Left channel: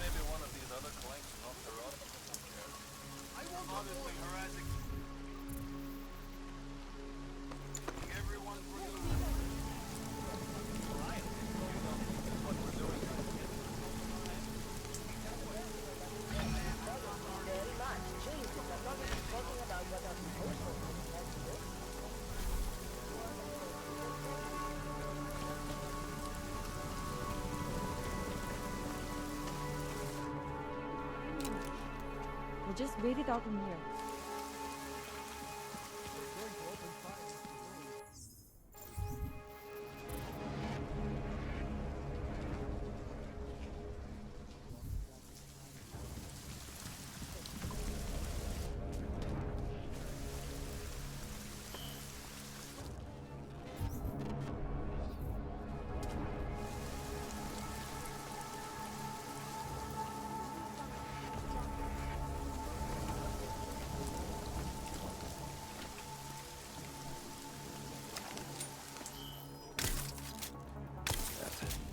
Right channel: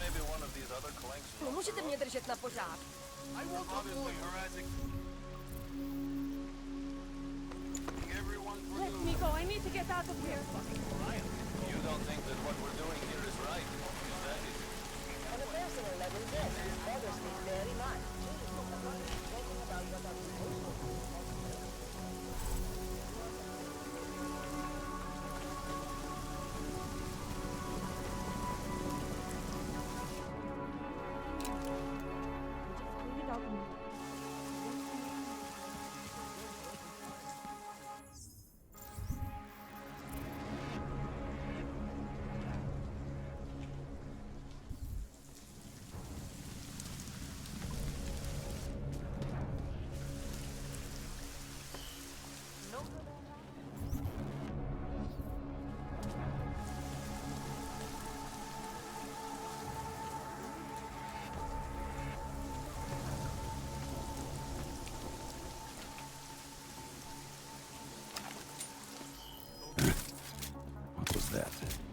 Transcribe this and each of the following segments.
maybe one of these other clanks Не можете мне держать на пожар? I won't obviously harassing everyone for doing. Nico, I need to get out of here. Ryan, you don't think that what we're doing here is right? On a personal level, yes, it bothers me very much. Jesus, I'm not even talking about what I'm supposed to do. We'll just wait it out in here.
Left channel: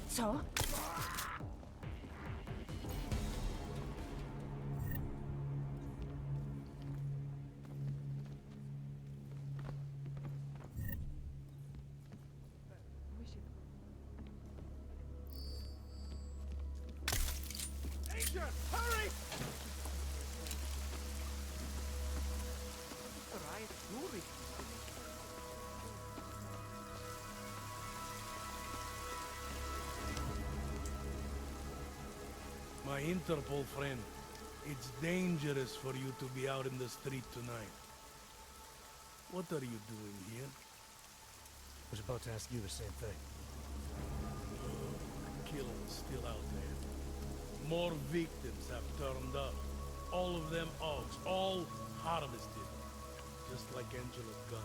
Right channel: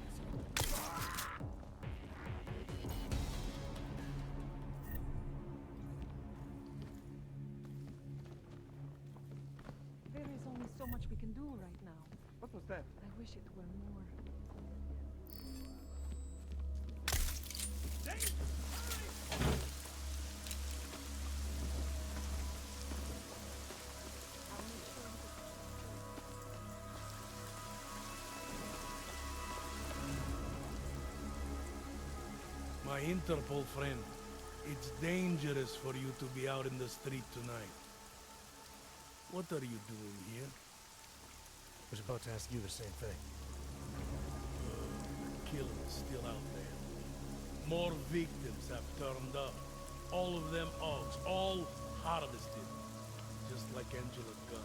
So? There is only so much we can do right now. What was that? I wish it were more. Danger! Hurry! All right, moving. I'll make sure you get My Interpol friend, it's dangerous for you to be out in the street tonight. What are you doing here? I was about to ask you the same thing. The killer's still out there. More victims have turned up. All of them Augs, all harvested. Just like Angela Gunn.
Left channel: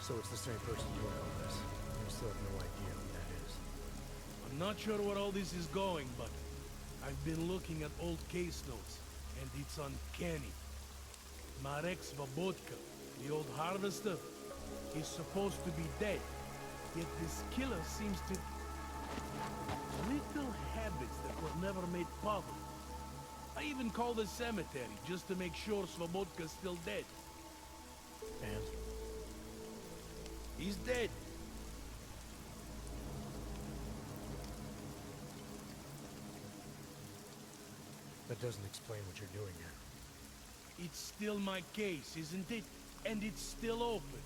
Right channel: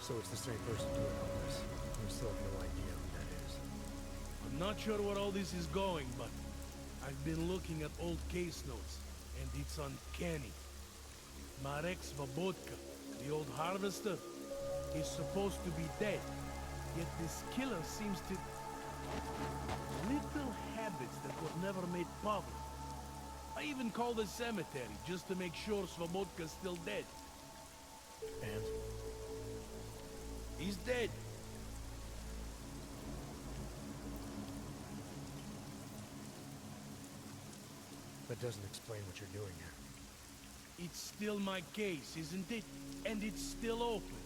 So it's the same person doing all this. And you still have no idea who that is. I'm not sure where all this is going, but I've been looking at old case notes, and it's uncanny. Marek Svobotka, the old harvester, is supposed to be dead, yet this killer seems to... little habits that were never made public. I even called the cemetery just to make sure Svobodka's still dead. And? He's dead. That doesn't explain what you're doing here. It's still my case, isn't it? And it's still open.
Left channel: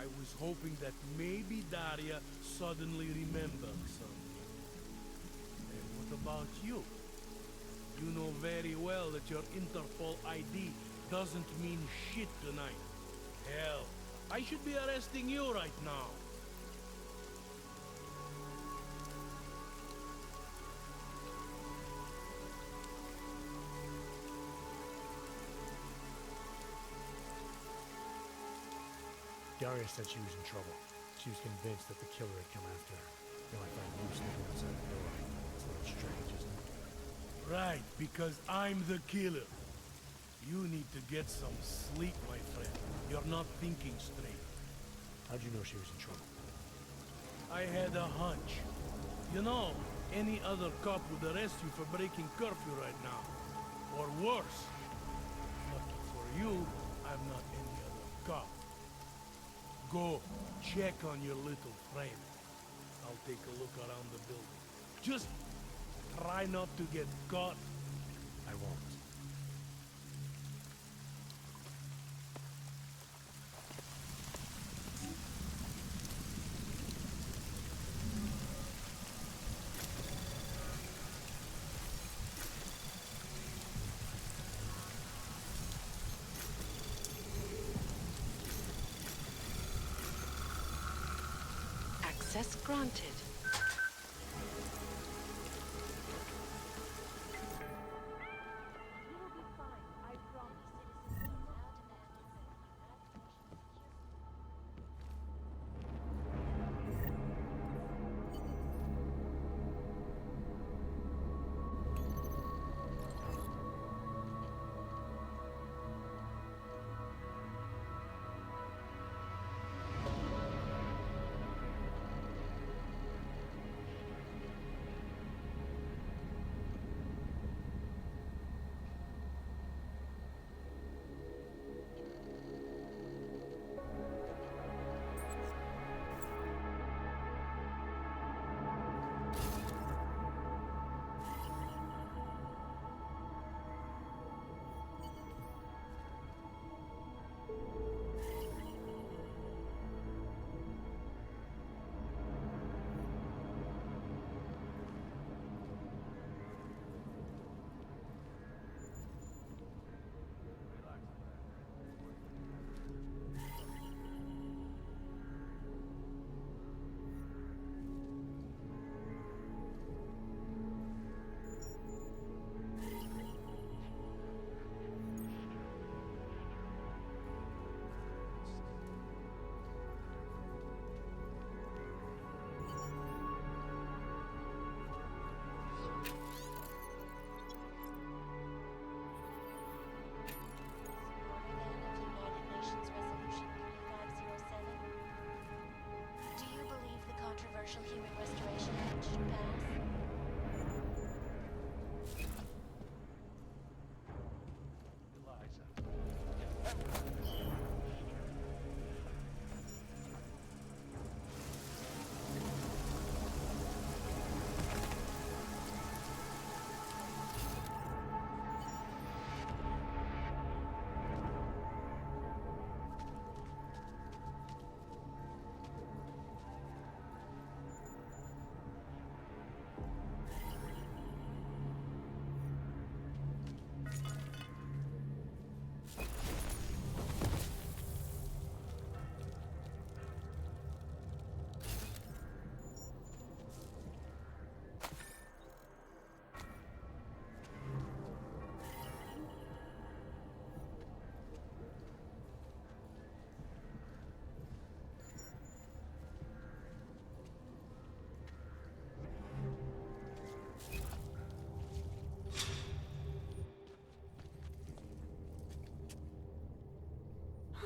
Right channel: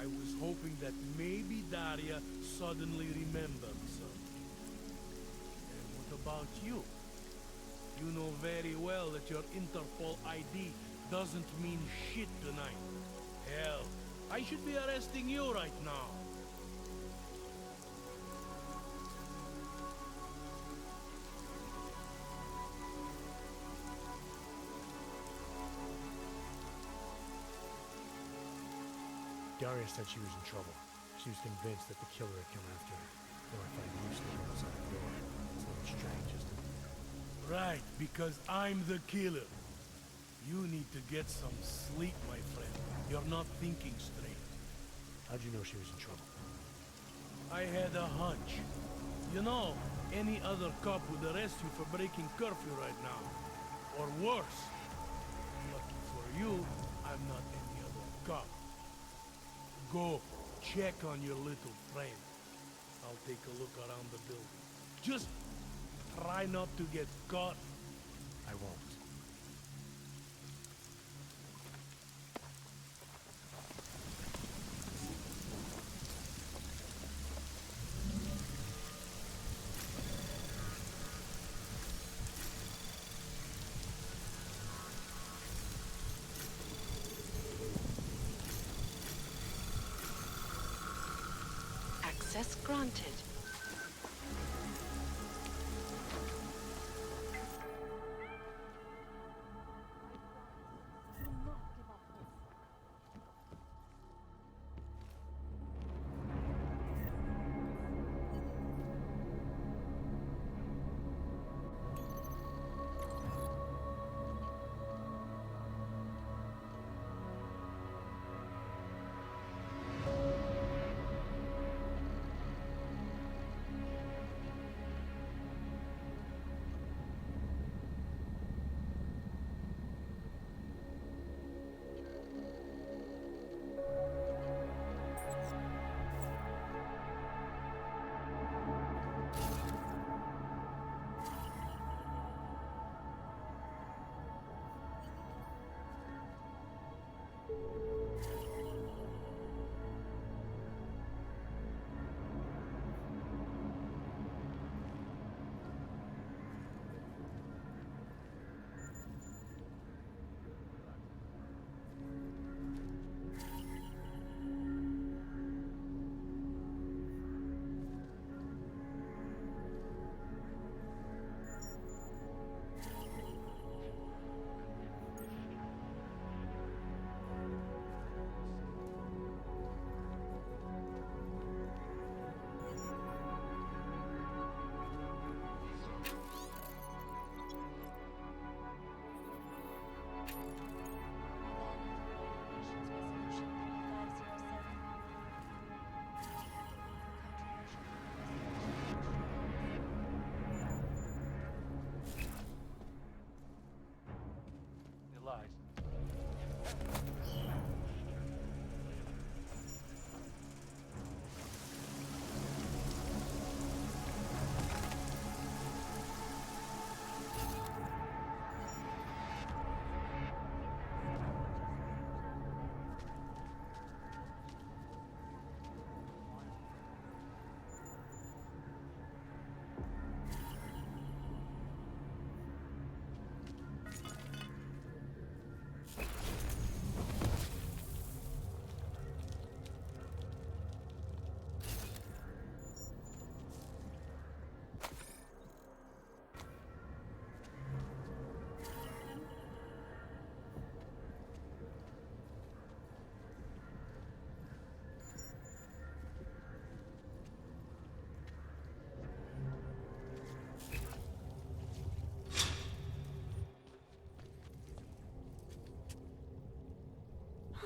I was hoping that maybe Daria suddenly remembered something. And what about you? You know very well that your Interpol ID doesn't mean shit tonight. Hell, I should be arresting you right now. Daria said she was in trouble. She was convinced that the killer had come after her. Now I find you sleeping outside her door. It's a little strange, isn't it? Right, because I'm the killer. You need to get some sleep, my friend. You're not thinking straight. How'd you know she was in trouble? I had a hunch. You know, any other cop would arrest you for breaking curfew right now. Or worse. Lucky for you, I'm not any other cop. Go, check on your little friend. I'll take a look around the building. Just try not to get caught. I won't. Access granted.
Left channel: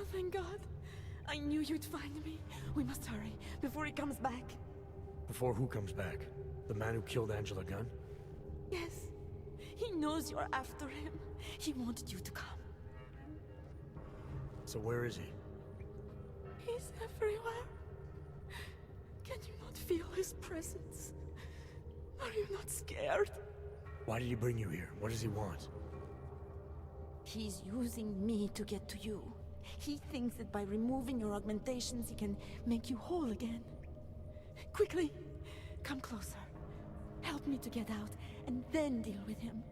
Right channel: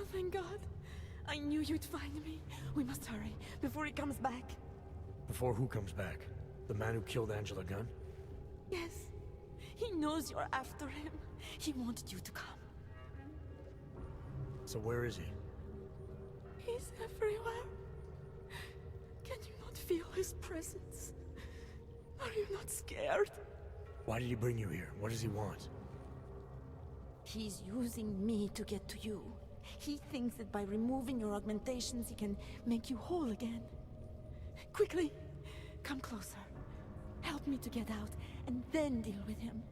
Oh, thank God. I knew you'd find me. We must hurry before he comes back. Before who comes back? The man who killed Angela Gunn? Yes. He knows you're after him. He wanted you to come. So where is he? He's everywhere. Can you not feel his presence? Are you not scared? Why did he bring you here? What does he want? He's using me to get to you. He thinks that by removing your augmentations, he can make you whole again. Quickly, come closer. Help me to get out, and then deal with him.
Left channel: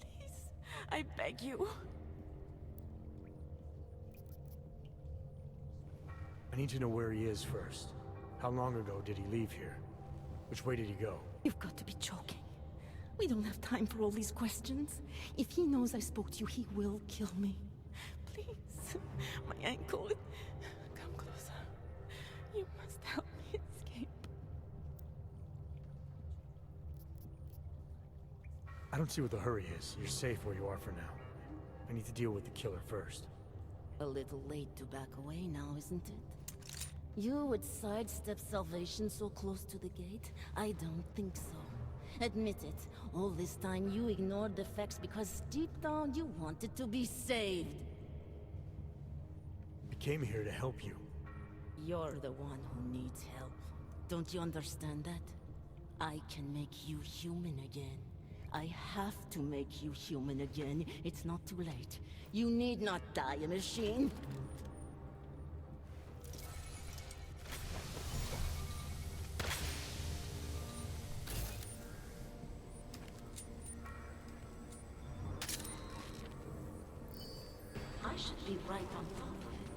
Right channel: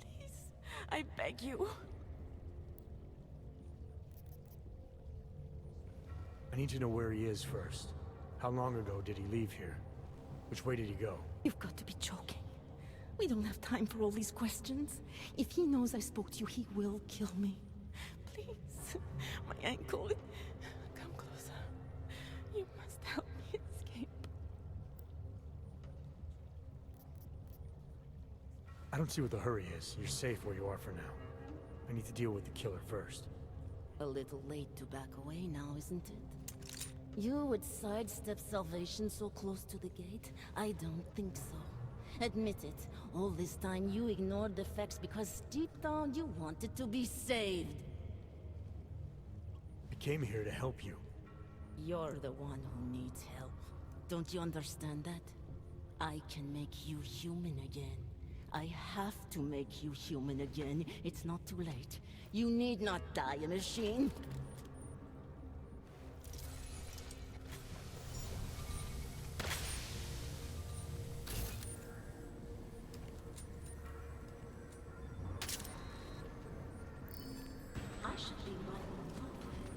Please, I beg you. I need to know where he is first. How long ago did he leave here? Which way did he go? You've got to be joking. We don't have time for all these questions. If he knows I spoke to you, he will kill me. Please, my ankle. Come closer. You must help me escape. I don't see what the hurry is. You're safe where you are for now. I need to deal with the killer first. A little late to back away now, isn't it? You would sidestep salvation so close to the gate? I don't think so. Admit it, all this time you ignored the facts because deep down you wanted to be saved. I came here to help you. You're the one who needs help. Don't you understand that? I can make you human again. I have to make you human again. It's not too late. You need not die, a machine. I should be right on top of it.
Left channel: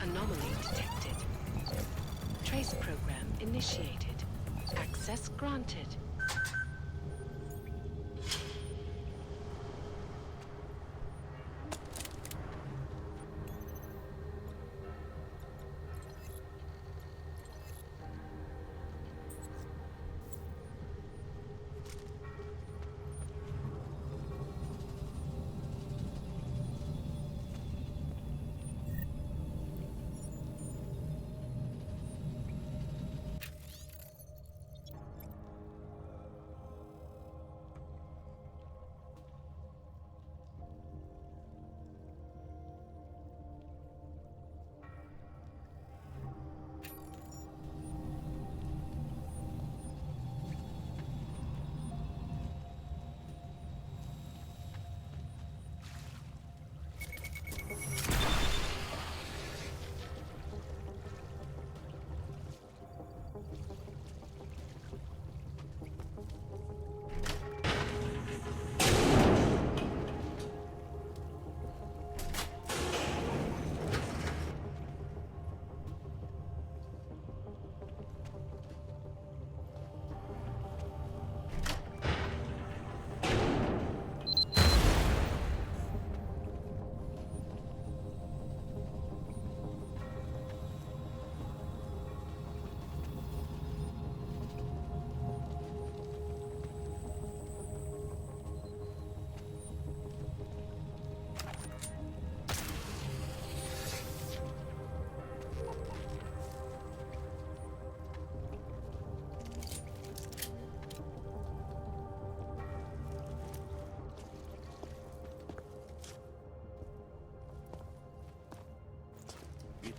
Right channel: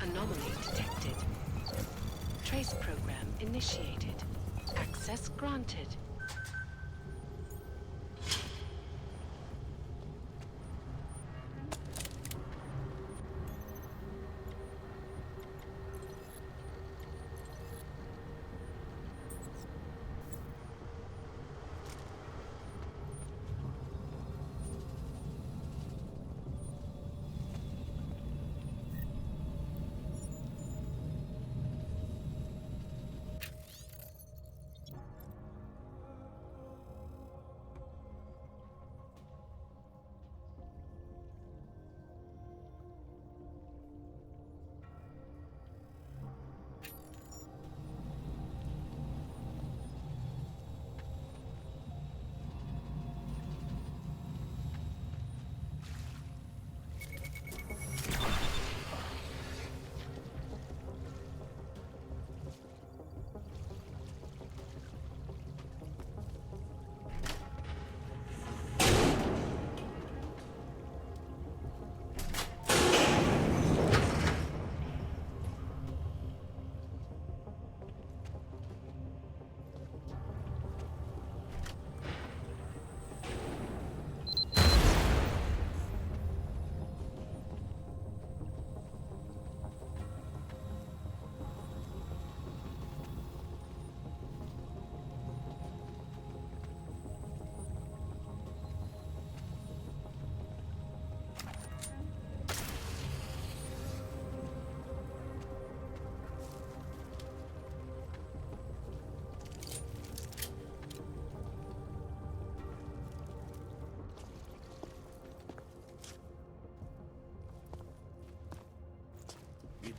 Anomaly detected. Trace program initiated. Access granted.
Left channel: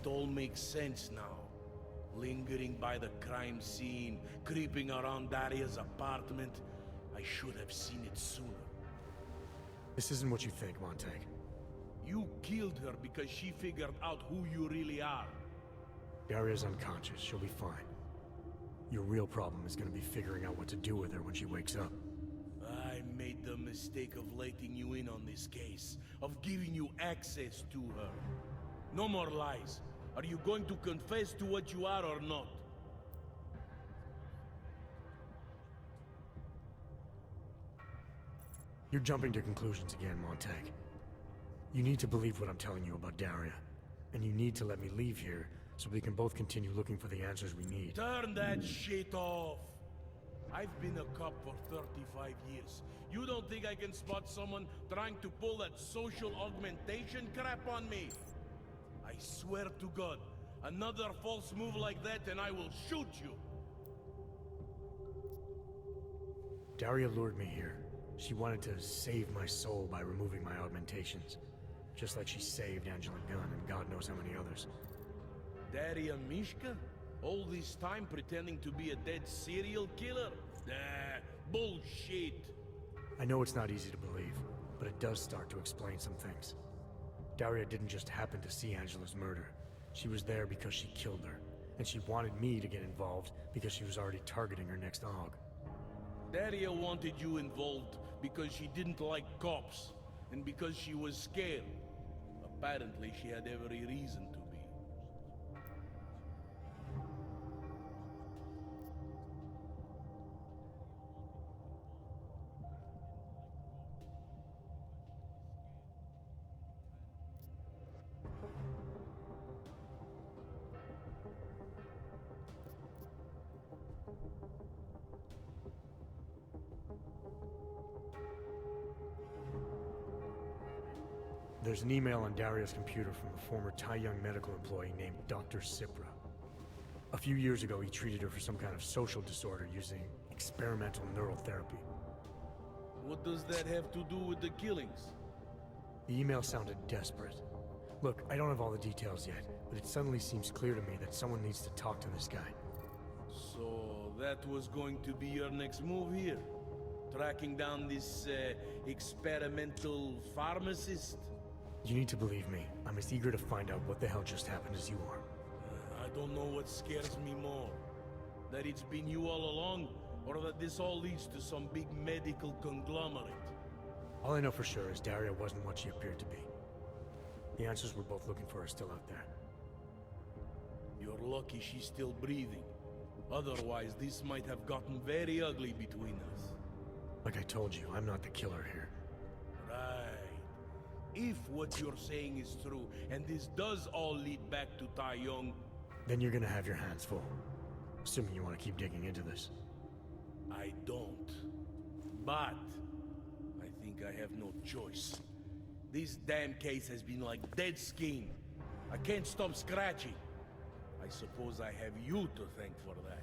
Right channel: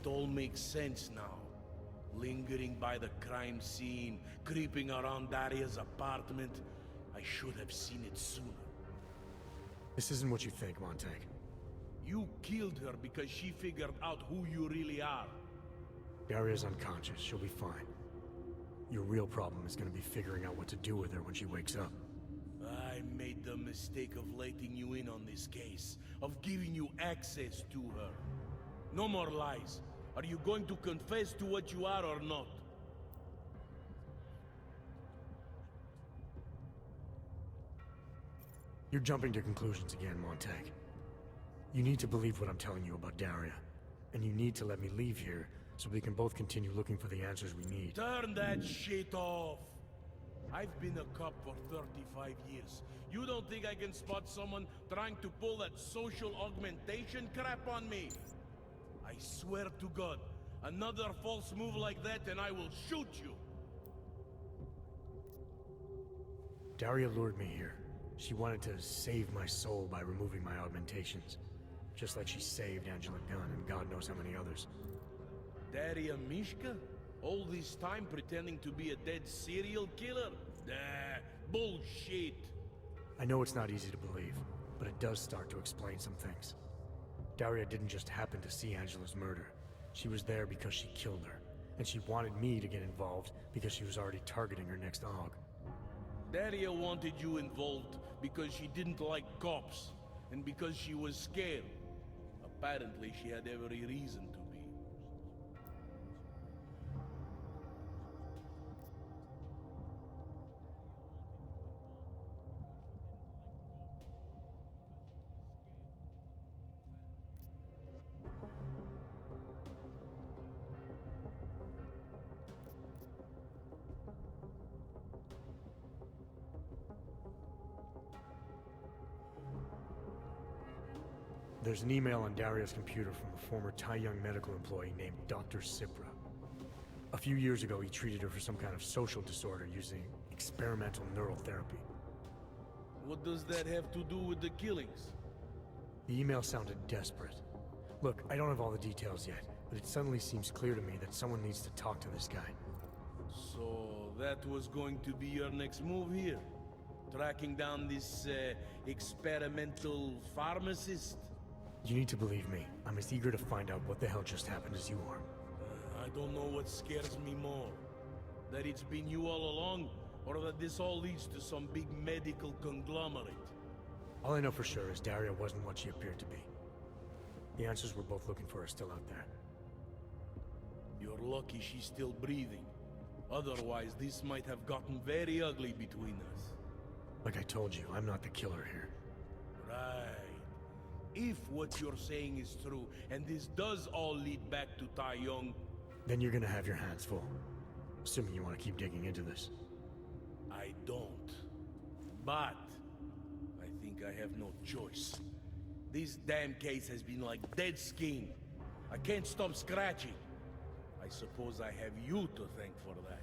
It all makes sense now. Lingering by the crime scene, creeping around Daria's apartment. I should have seen it sooner. This isn't what you think, Montag. You killed her because she figured out who you really are. Daria's unconscious. She'll be fine. Your real problem is gonna be figuring out what to do with her when she wakes up. I made the mistake of letting you in on this case, of giving you access to her. No more lies. Are you going to confess to what you are or not? You're jumping to conclusions again, Montag. You need to believe what I'm telling you about Daria. And you need to let me leave here so we can both continue looking for the answers we need. Turn that shit off! I've been a cop for 35 years. You don't think I can spot someone trying to pull that social augmentation crap on me? I swear to God, another false move like that and I will shoot you! Daria lured me here. She wanted to save my soul by removing my augmentations. Just like she saved Angela Gunn and God knows how many others. Daria Mishka? All this time pretending to be a dead serial killer? Nah, bullshit! I know it's not easy to believe, but it does start to explain some things. Daria didn't just happen to see Angela's murder. She was there because she killed her, and she wanted me to get involved because she was already targeting her next aug. Daria wanted you involved because she didn't like cops, and because she was scared. Apparently, she had every reason to be. There's an email on Daria's computer from a former Tai Young medical employee named Dr. Cipra. A few years ago, he treated her for some kind of social disorder using experimental neural therapy. What does that have to do with the killings? The email sounded desperate. Look, I don't have all the details yet, but it suddenly seems clear to me that someone needs to talk to this guy. So that was going to be your next move here? Tracking down this experimental pharmacist? You need to believe me. I'm as eager to find out what the hell just happened as you are. I don't know what scares me more. That it's been you all along, or that this all leads to some big medical conglomerate. All I know for sure is Daria wasn't what she appeared to be. The answers we're both looking for are still out there. You're lucky she's still breathing. Otherwise, this might have gotten very ugly between us. Like I told you, I'm not the killer here. Right. If what you're saying is true, and this does all lead back to Tai Yong, Then you're gonna have your hands full. Assuming you want to keep digging into this. I don't. But I think I have no choice. This damn case has been like dead skin. I can't stop scratching. I suppose I have you to thank for that.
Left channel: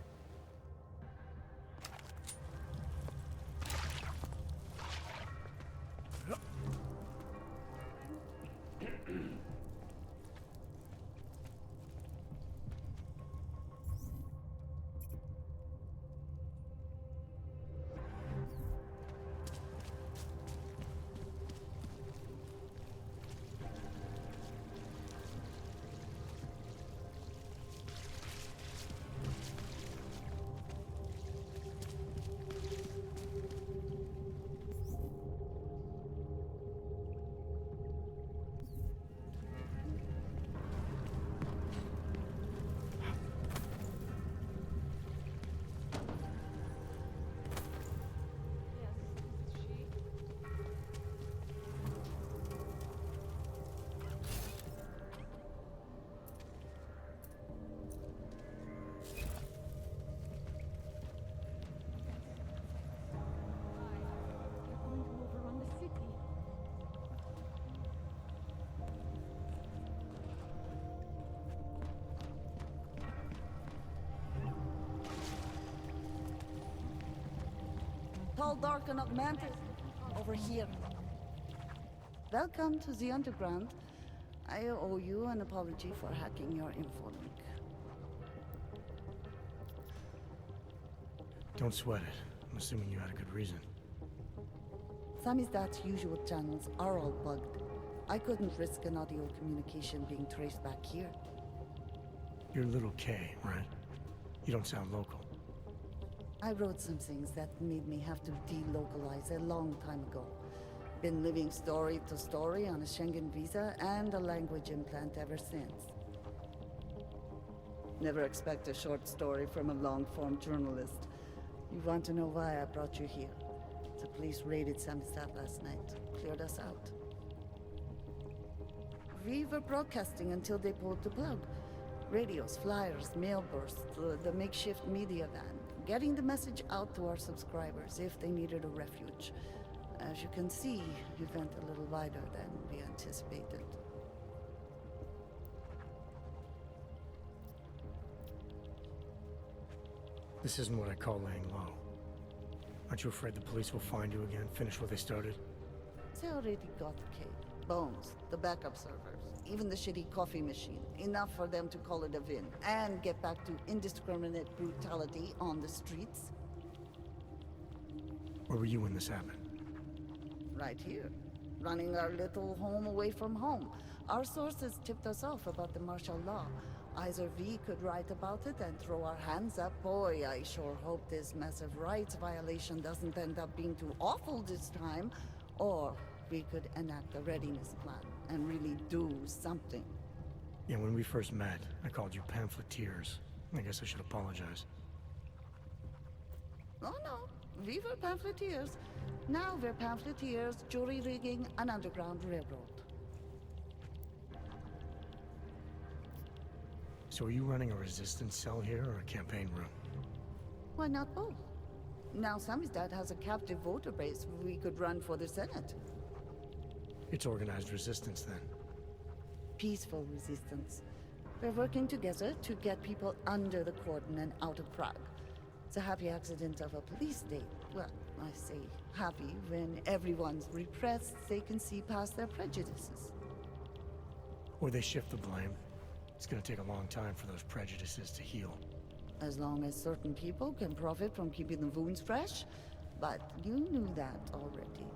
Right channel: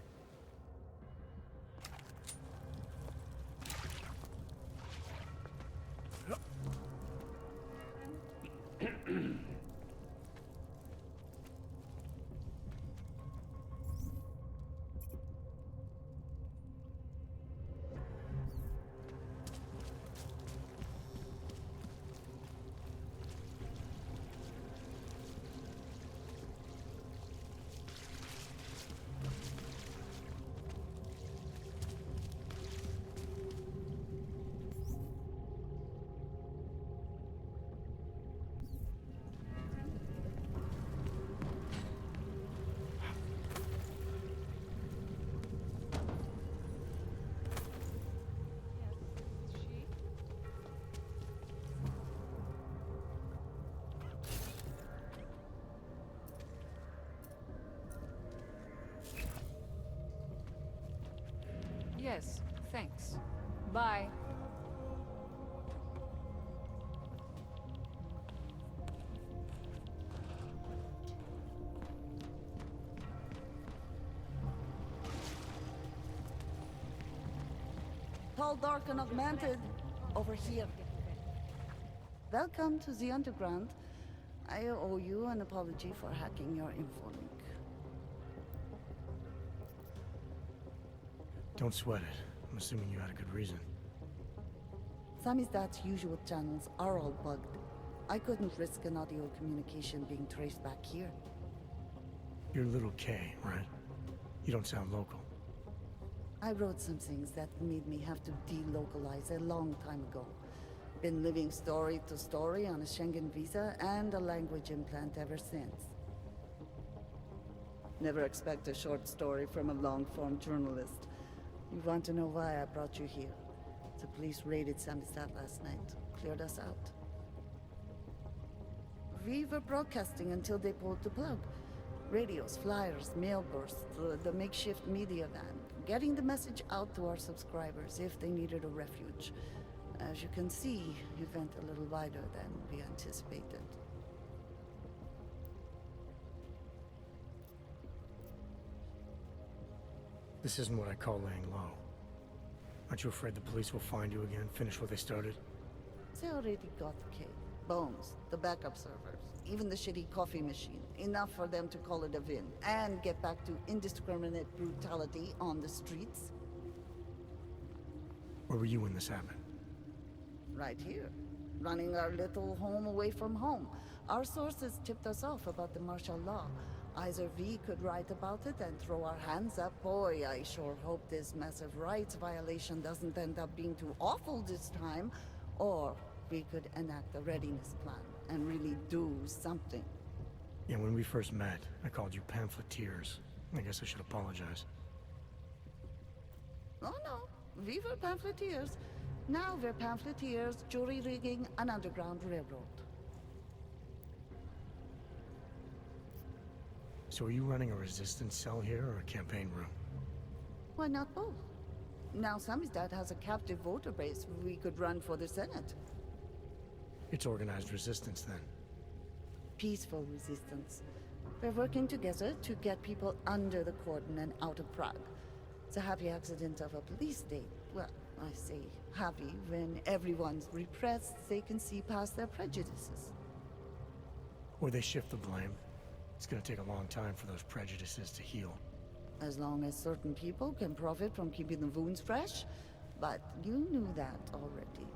Yes, thanks. Bye. Tall, dark, and augmented. Over here. Welcome to the underground. I owe you an apology for hacking your infolink. Don't sweat it. I'm assuming you had a good reason. Samizdat's usual channels are all bugged. I couldn't risk an audio communication being traced back here. You're Little K, right? You don't sound local. I wrote some things that made me have to delocalize a long time ago. Been living story to story on a Schengen visa and a language implant ever since. Never expect a short story from a long-form journalist. You want to know why I brought you here? The police raided Samizdat last night. Cleared us out. We were broadcasting until they pulled the plug. Radios, flyers, mail bursts, the makeshift media van. Getting the message out to our subscribers if they needed a refuge. As you can see, it went a little wider than we anticipated. This isn't what I call laying low. Aren't you afraid the police will find you again, finish what they started? They already got the cake. Bones, the backup servers, even the shitty coffee machine. Enough for them to call it a win and get back to indiscriminate brutality on the streets. Where were you when this happened? Right here. Running our little home away from home. Our sources tipped us off about the martial law. Either we could write about it and throw our hands up. Boy, I sure hope this massive rights violation doesn't end up being too awful this time. Or we could enact a readiness plan and really do something. Yeah, when we first met, I called you pamphleteers. I guess I should apologize. Oh no, we were pamphleteers. Now we're pamphleteers, jury rigging an underground railroad. So are you running a resistance cell here or a campaign room? Why not both? Now Samizdat has a captive voter base we could run for the Senate. It's organized resistance then. Peaceful resistance. We're working together to get people under the cordon and out of Prague. It's a happy accident of a police state. Well, I say happy when everyone's repressed, they can see past their prejudices. Or they shift the blame. It's gonna take a long time for those prejudices to heal. As long as certain people can profit from keeping the wounds fresh. But you knew that already.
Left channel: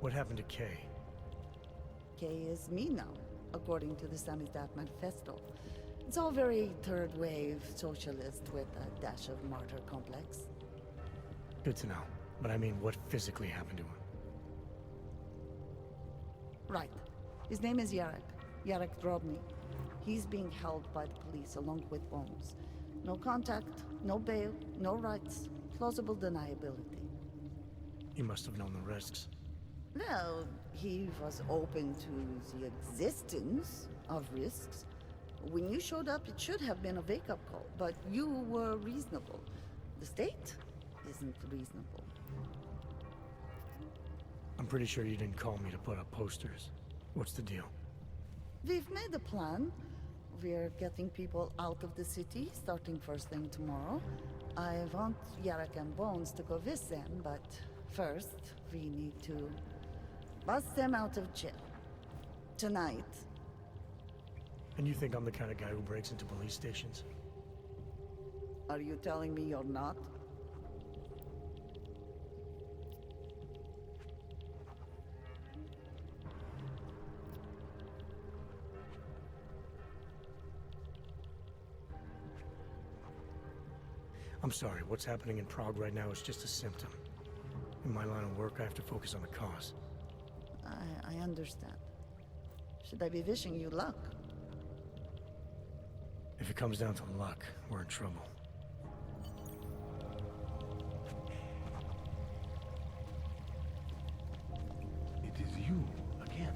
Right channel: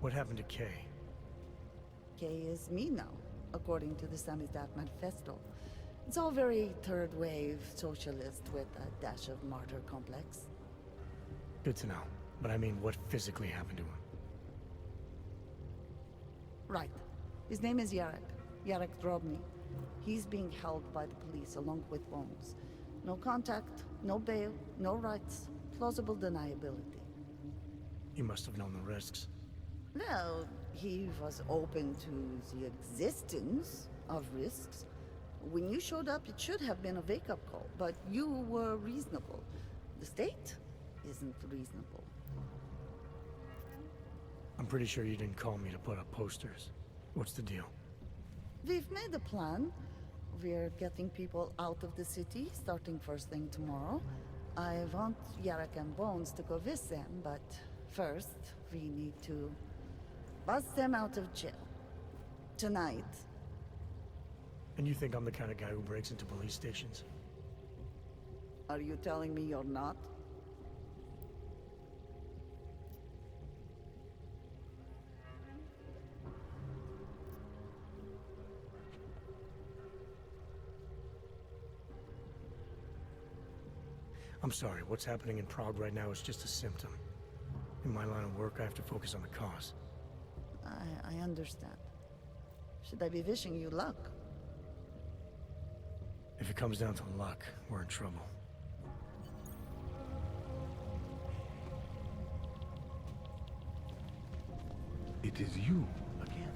What happened to Kay? Kay is me now, according to the Samizdat Manifesto. It's all very third-wave socialist with a dash of martyr complex. Good to know. But I mean, what physically happened to him? Right. His name is Yarek. Yarek Drobny. He's being held by the police along with Bones. No contact, no bail, no rights. Plausible deniability. He must have known the risks. Well, he was open to the existence of risks. When you showed up, it should have been a wake-up call, but you were reasonable. The state isn't reasonable. I'm pretty sure you didn't call me to put up posters. What's the deal? We've made a plan. We're getting people out of the city, starting first thing tomorrow. I want Yarek and Bones to go with them, but first, we need to bust them out of jail. Tonight. And you think I'm the kind of guy who breaks into police stations? Are you telling me you're not? I'm sorry, what's happening in Prague right now is just a symptom. In my line of work, I have to focus on the cause. I understand. Should I be wishing you luck? If it comes down to luck, we're in trouble. It is you, again.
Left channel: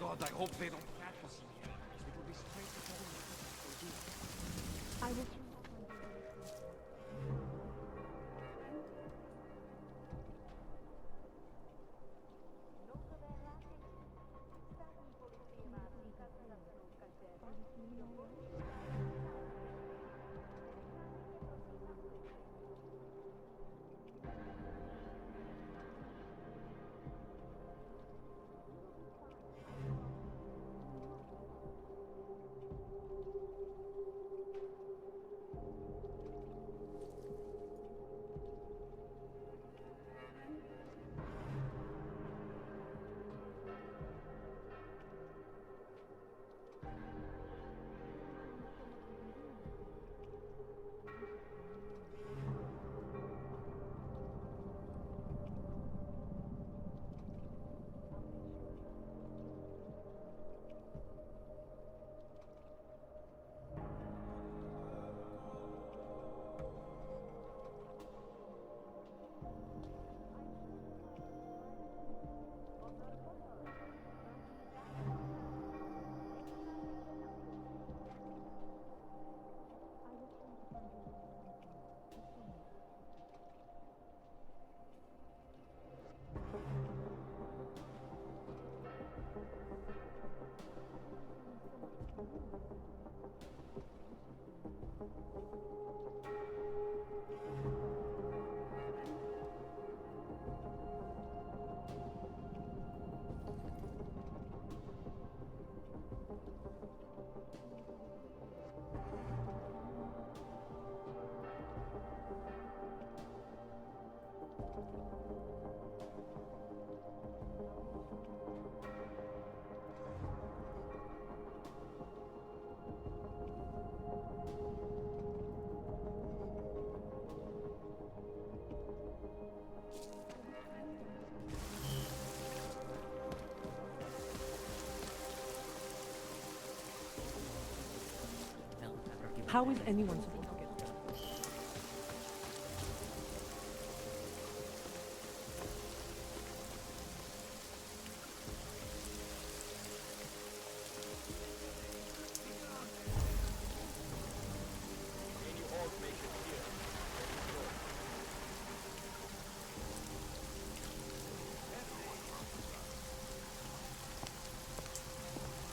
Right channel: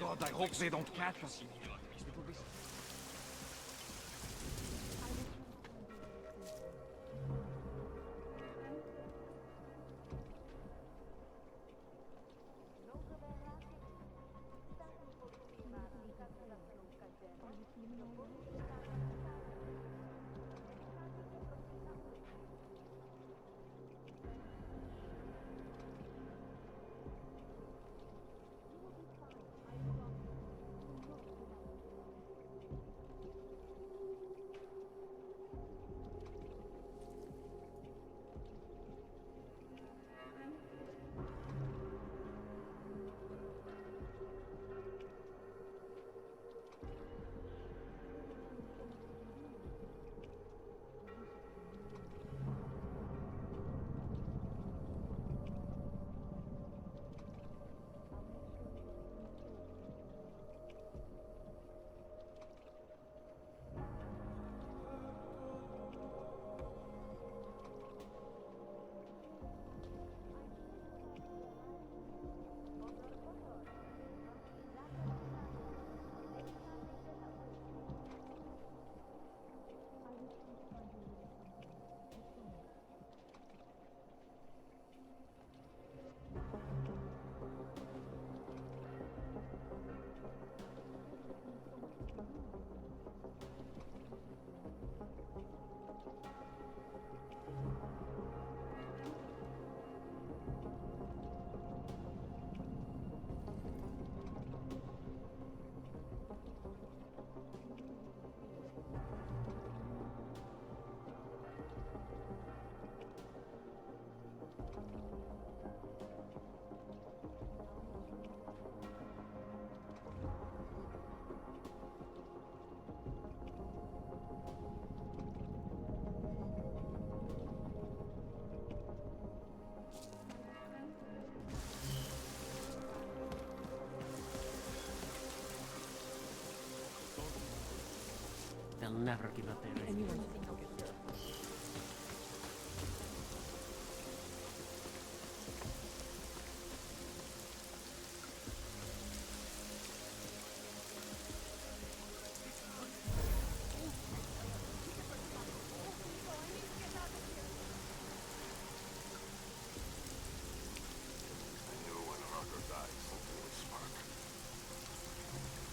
God, I hope they don't catch us. It will be straight to I will How is anyone supposed to get there?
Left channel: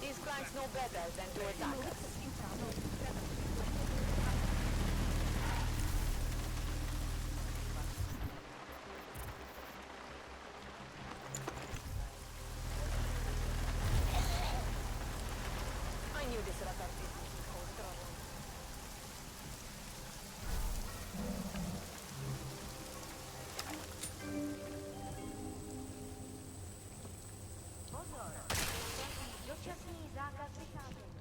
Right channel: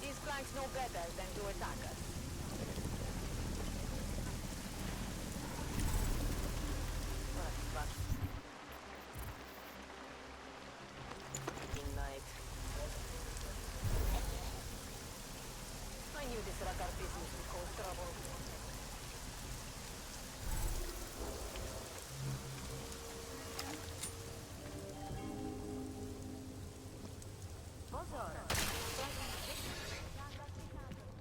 These clanks know better than to attack us. I knew this Rakar business would cause trouble. Pozor! Platí dočasný zákaz vycházení.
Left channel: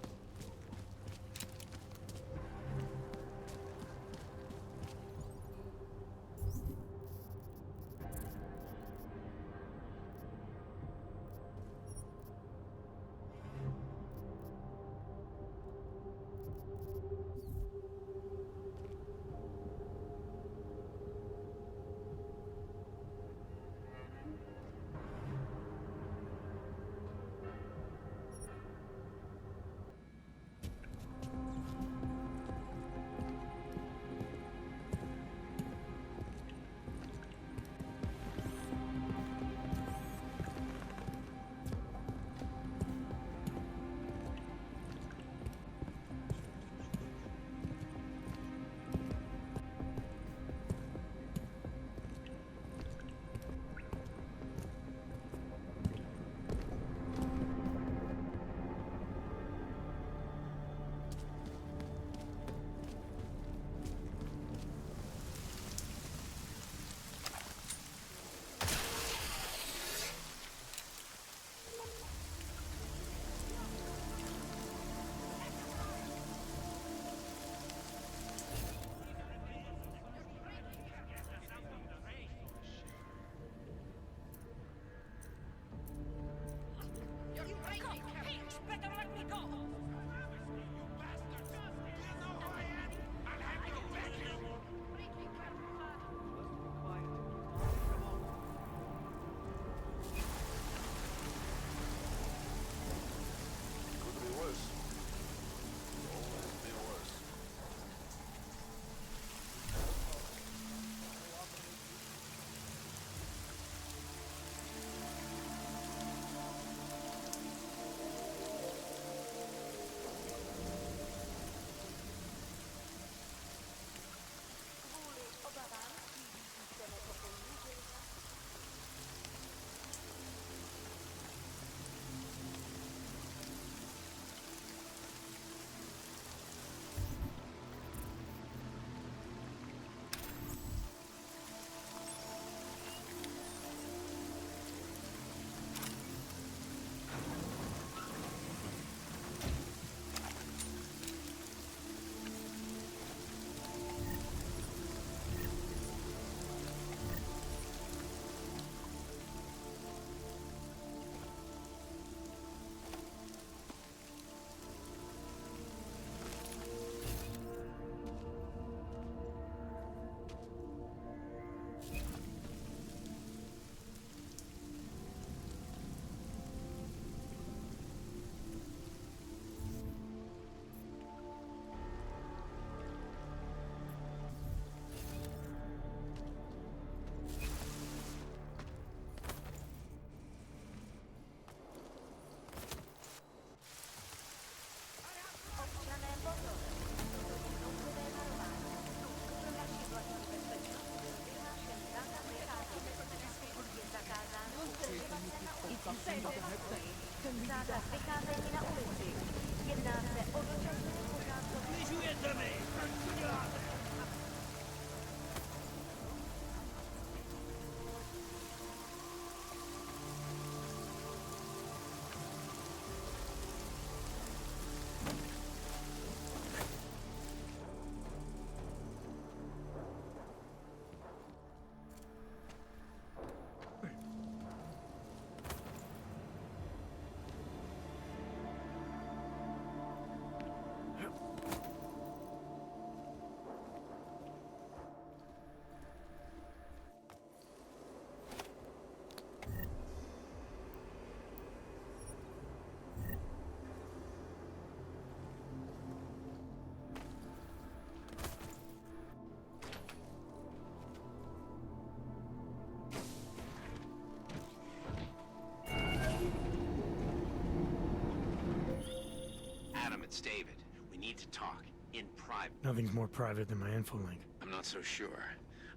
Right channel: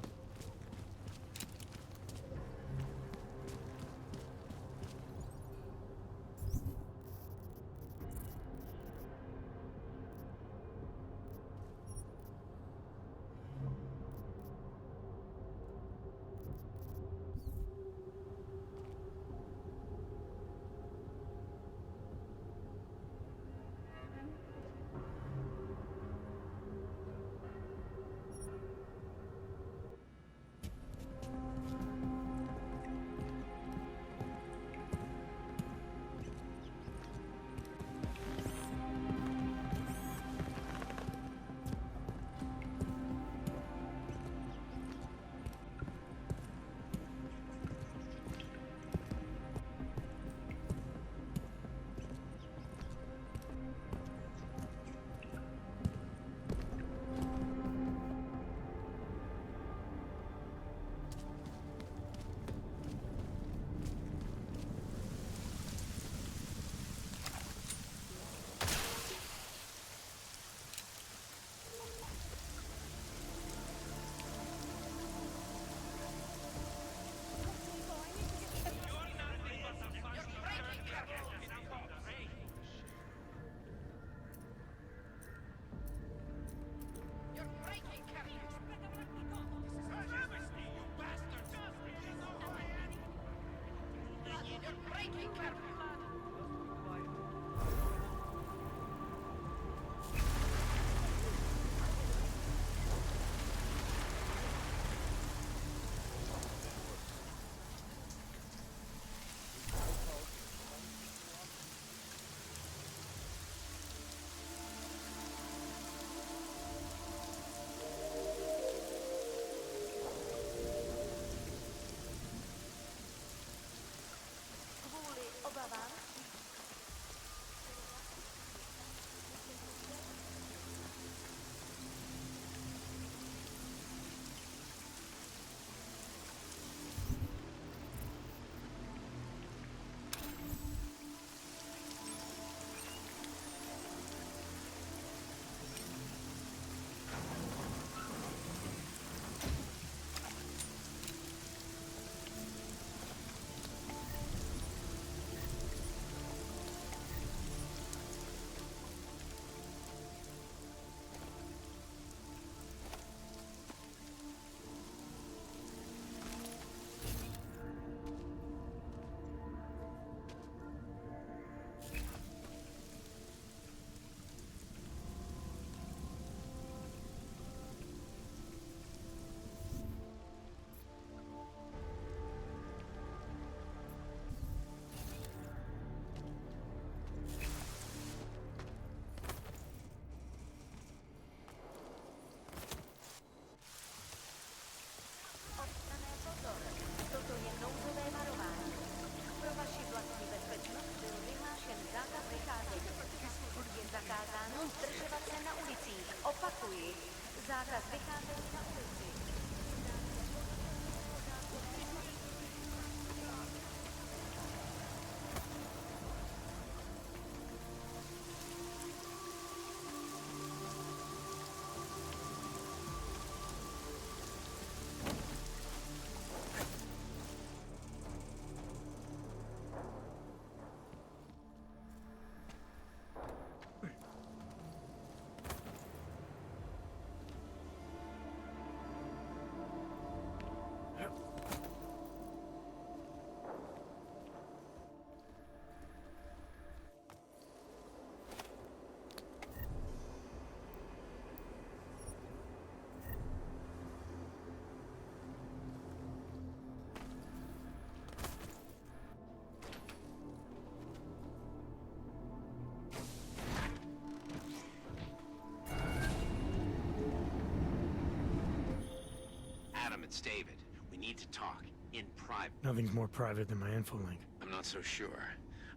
Zákaz vycházení na ulici. Jedná se o dočasnou pořádku. Snižujete mi! Co děláte? it's David. We need to talk. In private. Nothing's more private than my info link. I'm not so sure.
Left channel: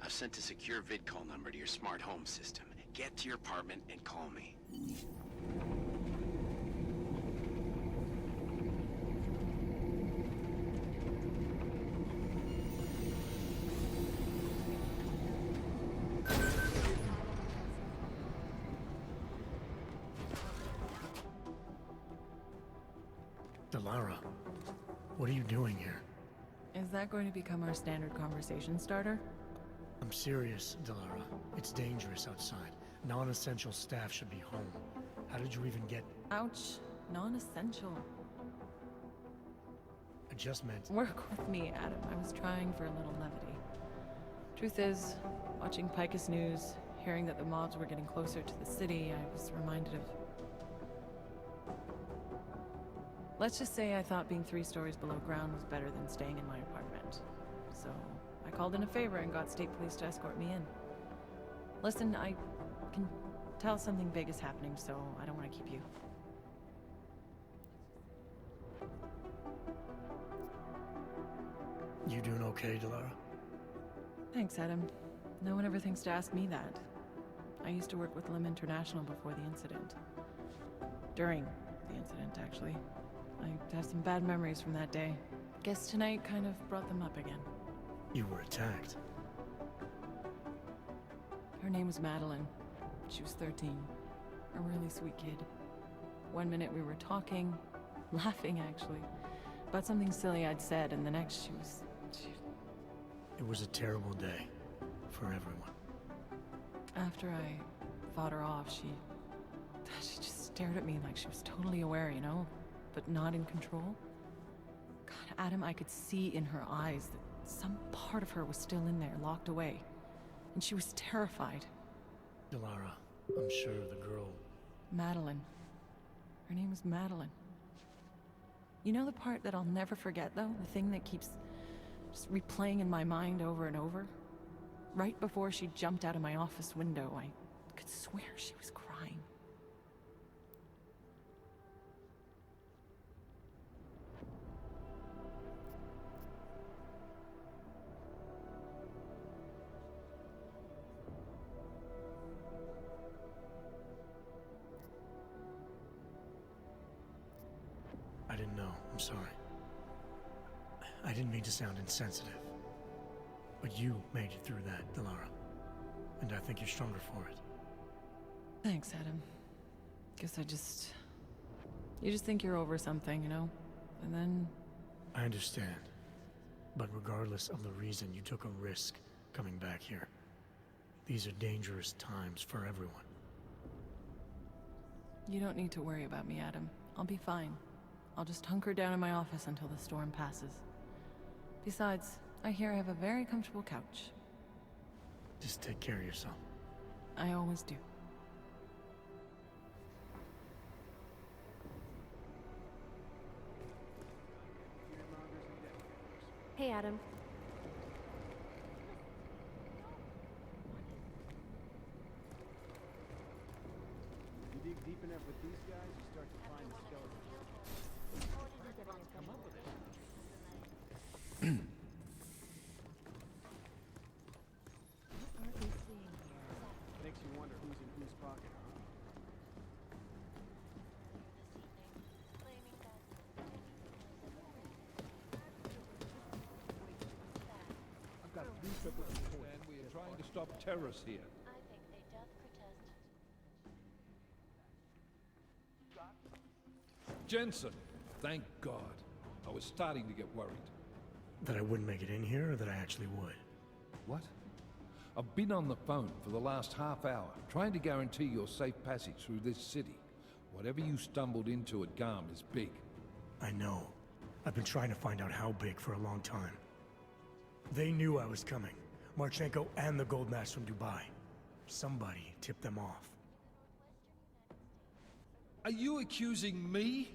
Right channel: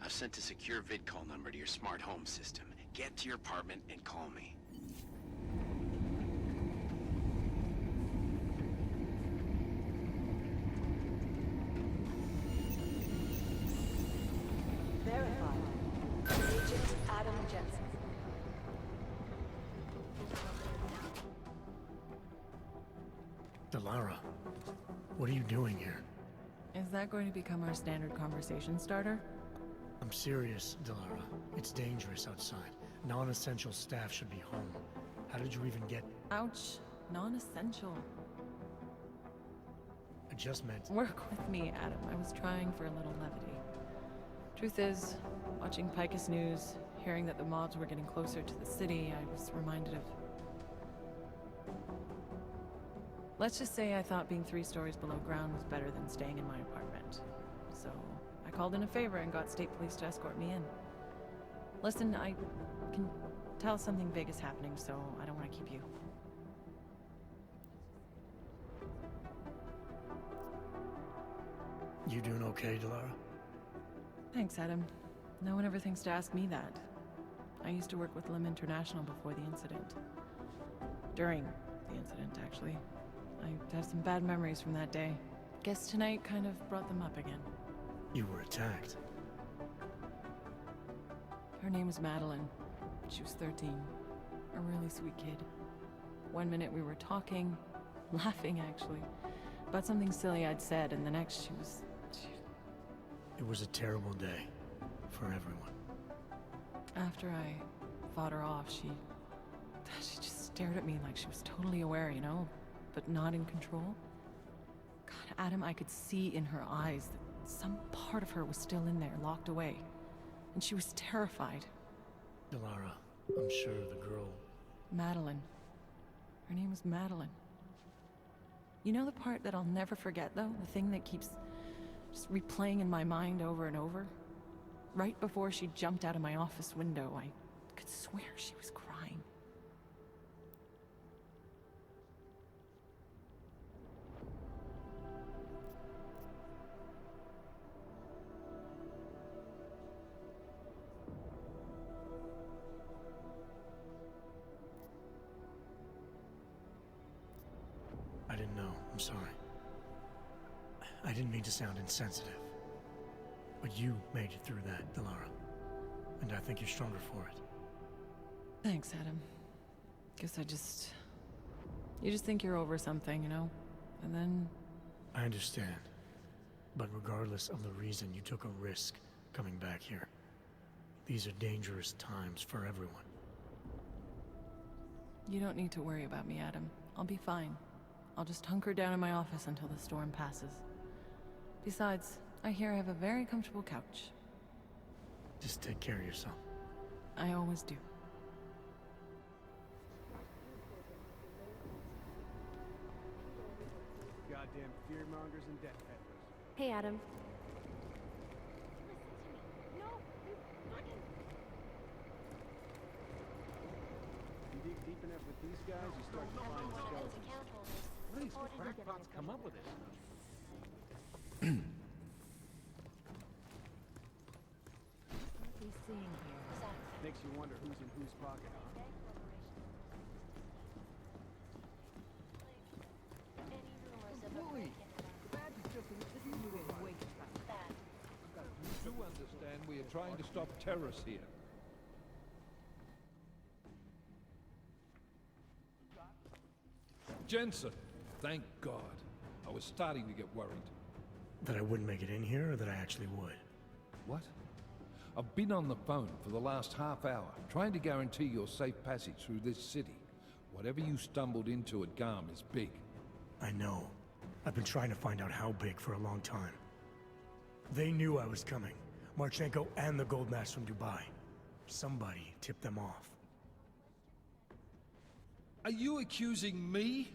I've sent a secure vid call number to your smart home system. Get to your apartment and call me. Adam Jensen. Delara, what are you doing here? Is that going to become our standard conversation starter? I'm serious, Delara. It's dangerous outside. Non-essential staff should be home. How did you even get... Ouch. Non-essential. I just meant... Work with me, Adam. I was trying for a little levity. Truth is, watching Picus News, hearing that the mobs were getting closer to the city, I was reminded of... Let's just say I thought being 3 stories below ground was better than staying in my apartment. So, I called in a favor and got state police to escort me in. Listen, I can tell something big is happening, so I don't want to keep you. You doing okay, Delara? Thanks, Adam. No one ever thinks to ask me that. I used to work with Lim International before the incident. During the incident, actually. I have some bad memories from that day. Guess tonight kind of brought them up again. You were attacked. Her name was Madeline. She was 13. A really sweet kid. One minute we were talking, laughing actually, about something silly I'd said, and the next she was... It was a terrible day. For everyone. After I fought her off, she just stared at me like she was totally aware, you know? But not in control. God, Adam, I could see in her eyes that some part of her was still in there, locked away. And she was terrified. Delara, I'm sure the girl... Madeline. Her name was Madeline. You know the part that I'll never forget, though? The thing that keeps just replaying in my mind over and over? Right before she jumped out of my office window, I could swear she was crying. I didn't know. I'm sorry. I didn't mean to sound insensitive. But you made it through that, Delara. And I think you're stronger for it. Thanks, Adam. Guess you just think you're over something, you know? And then... I understand. But regardless of the reason, you took a risk coming back here. These are dangerous times for everyone. You don't need to worry about me, Adam. I'll be fine. I'll just hunker down in my office until the storm passes. Besides, I hear I have a very comfortable couch. Just take care of yourself. I always do. Goddamn fearmongers and death peddlers. Hey, Adam. You dig deep enough with these guys, you start to find the skeletons. Where do these crackpots come up with this stuff? Makes you wonder who's in whose pocket, huh? Wally! I've got to understand we are trying to stop terrorists here. Jensen! Thank God. I was starting to get worried. That I wouldn't make it in here, or that I actually would? What? I've been on the phone for the last half hour, trying to guarantee your safe passage through this city. Whatever you stumbled into at Garm is big. I know. I've been trying to find out how big for a long time. They knew I was coming. Marchenko and the Gold Mask from Dubai. Somebody tipped them off. Are you accusing me?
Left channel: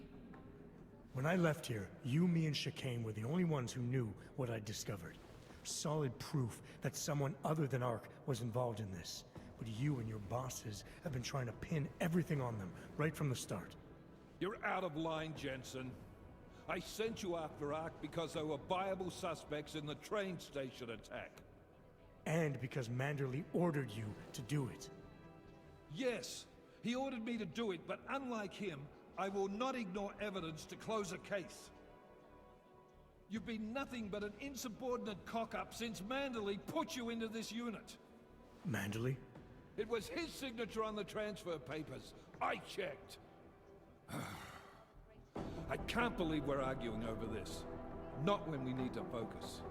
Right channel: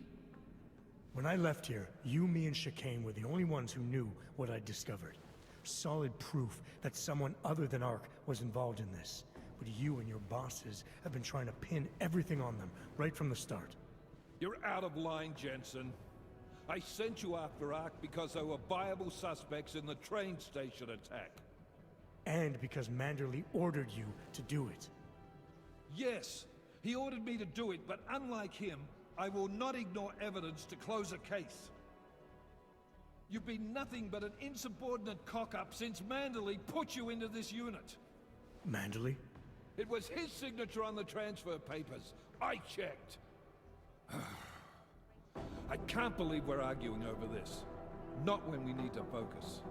When I left here, you, me, and Chicane were the only ones who knew what I'd discovered. Solid proof that someone other than Ark was involved in this. But you and your bosses have been trying to pin everything on them, right from the start. You're out of line, Jensen. I sent you after Ark because there were viable suspects in the train station attack. And because Manderley ordered you to do it. Yes, he ordered me to do it, but unlike him, I will not ignore evidence to close a case. You've been nothing but an insubordinate cock-up since Manderley put you into this unit. Manderley? It was his signature on the transfer papers. I checked. I can't believe we're arguing over this. Not when we need to focus.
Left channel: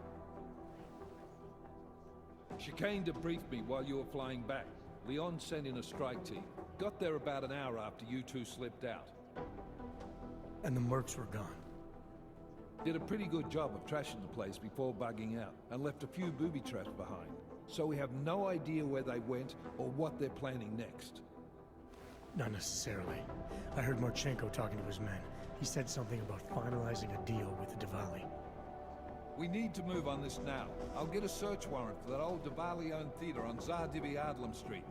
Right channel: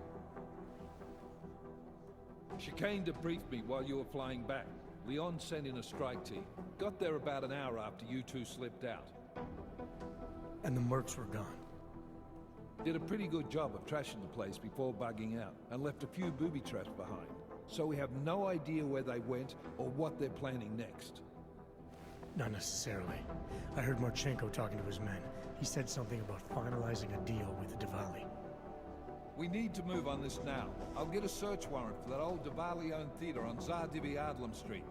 Chicane debriefed me while you were flying back. Leon sent in a strike team. Got there about an hour after you two slipped out. And the mercs were gone. Did a pretty good job of trashing the place before bugging out, and left a few booby traps behind. So we have no idea where they went or what they're planning next. Not necessarily. I heard Marchenko talking to his men. He said something about finalizing a deal with the Diwali. We need to move on this now. I'll get a search warrant for that old Diwali-owned theater on Zardivi Adlam Street.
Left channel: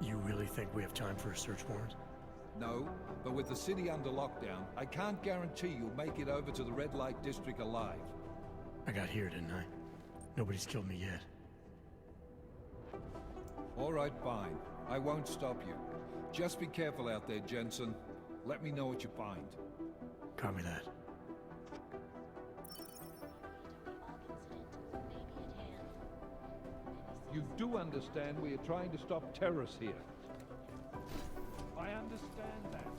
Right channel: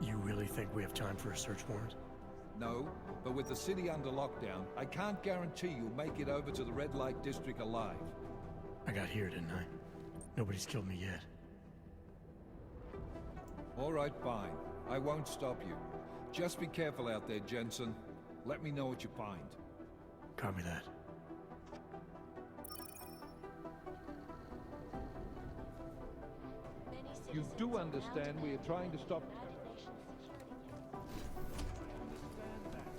You really think we have time for a search warrant? No, but with the city under lockdown, I can't guarantee you'll make it over to the Red Light District alive. I got here, didn't I? Nobody's killed me yet. All right, fine. I won't stop you. Just be careful out there, Jensen. Let me know what you find. Copy that. You do understand we are trying to stop terrorists here. I understand that.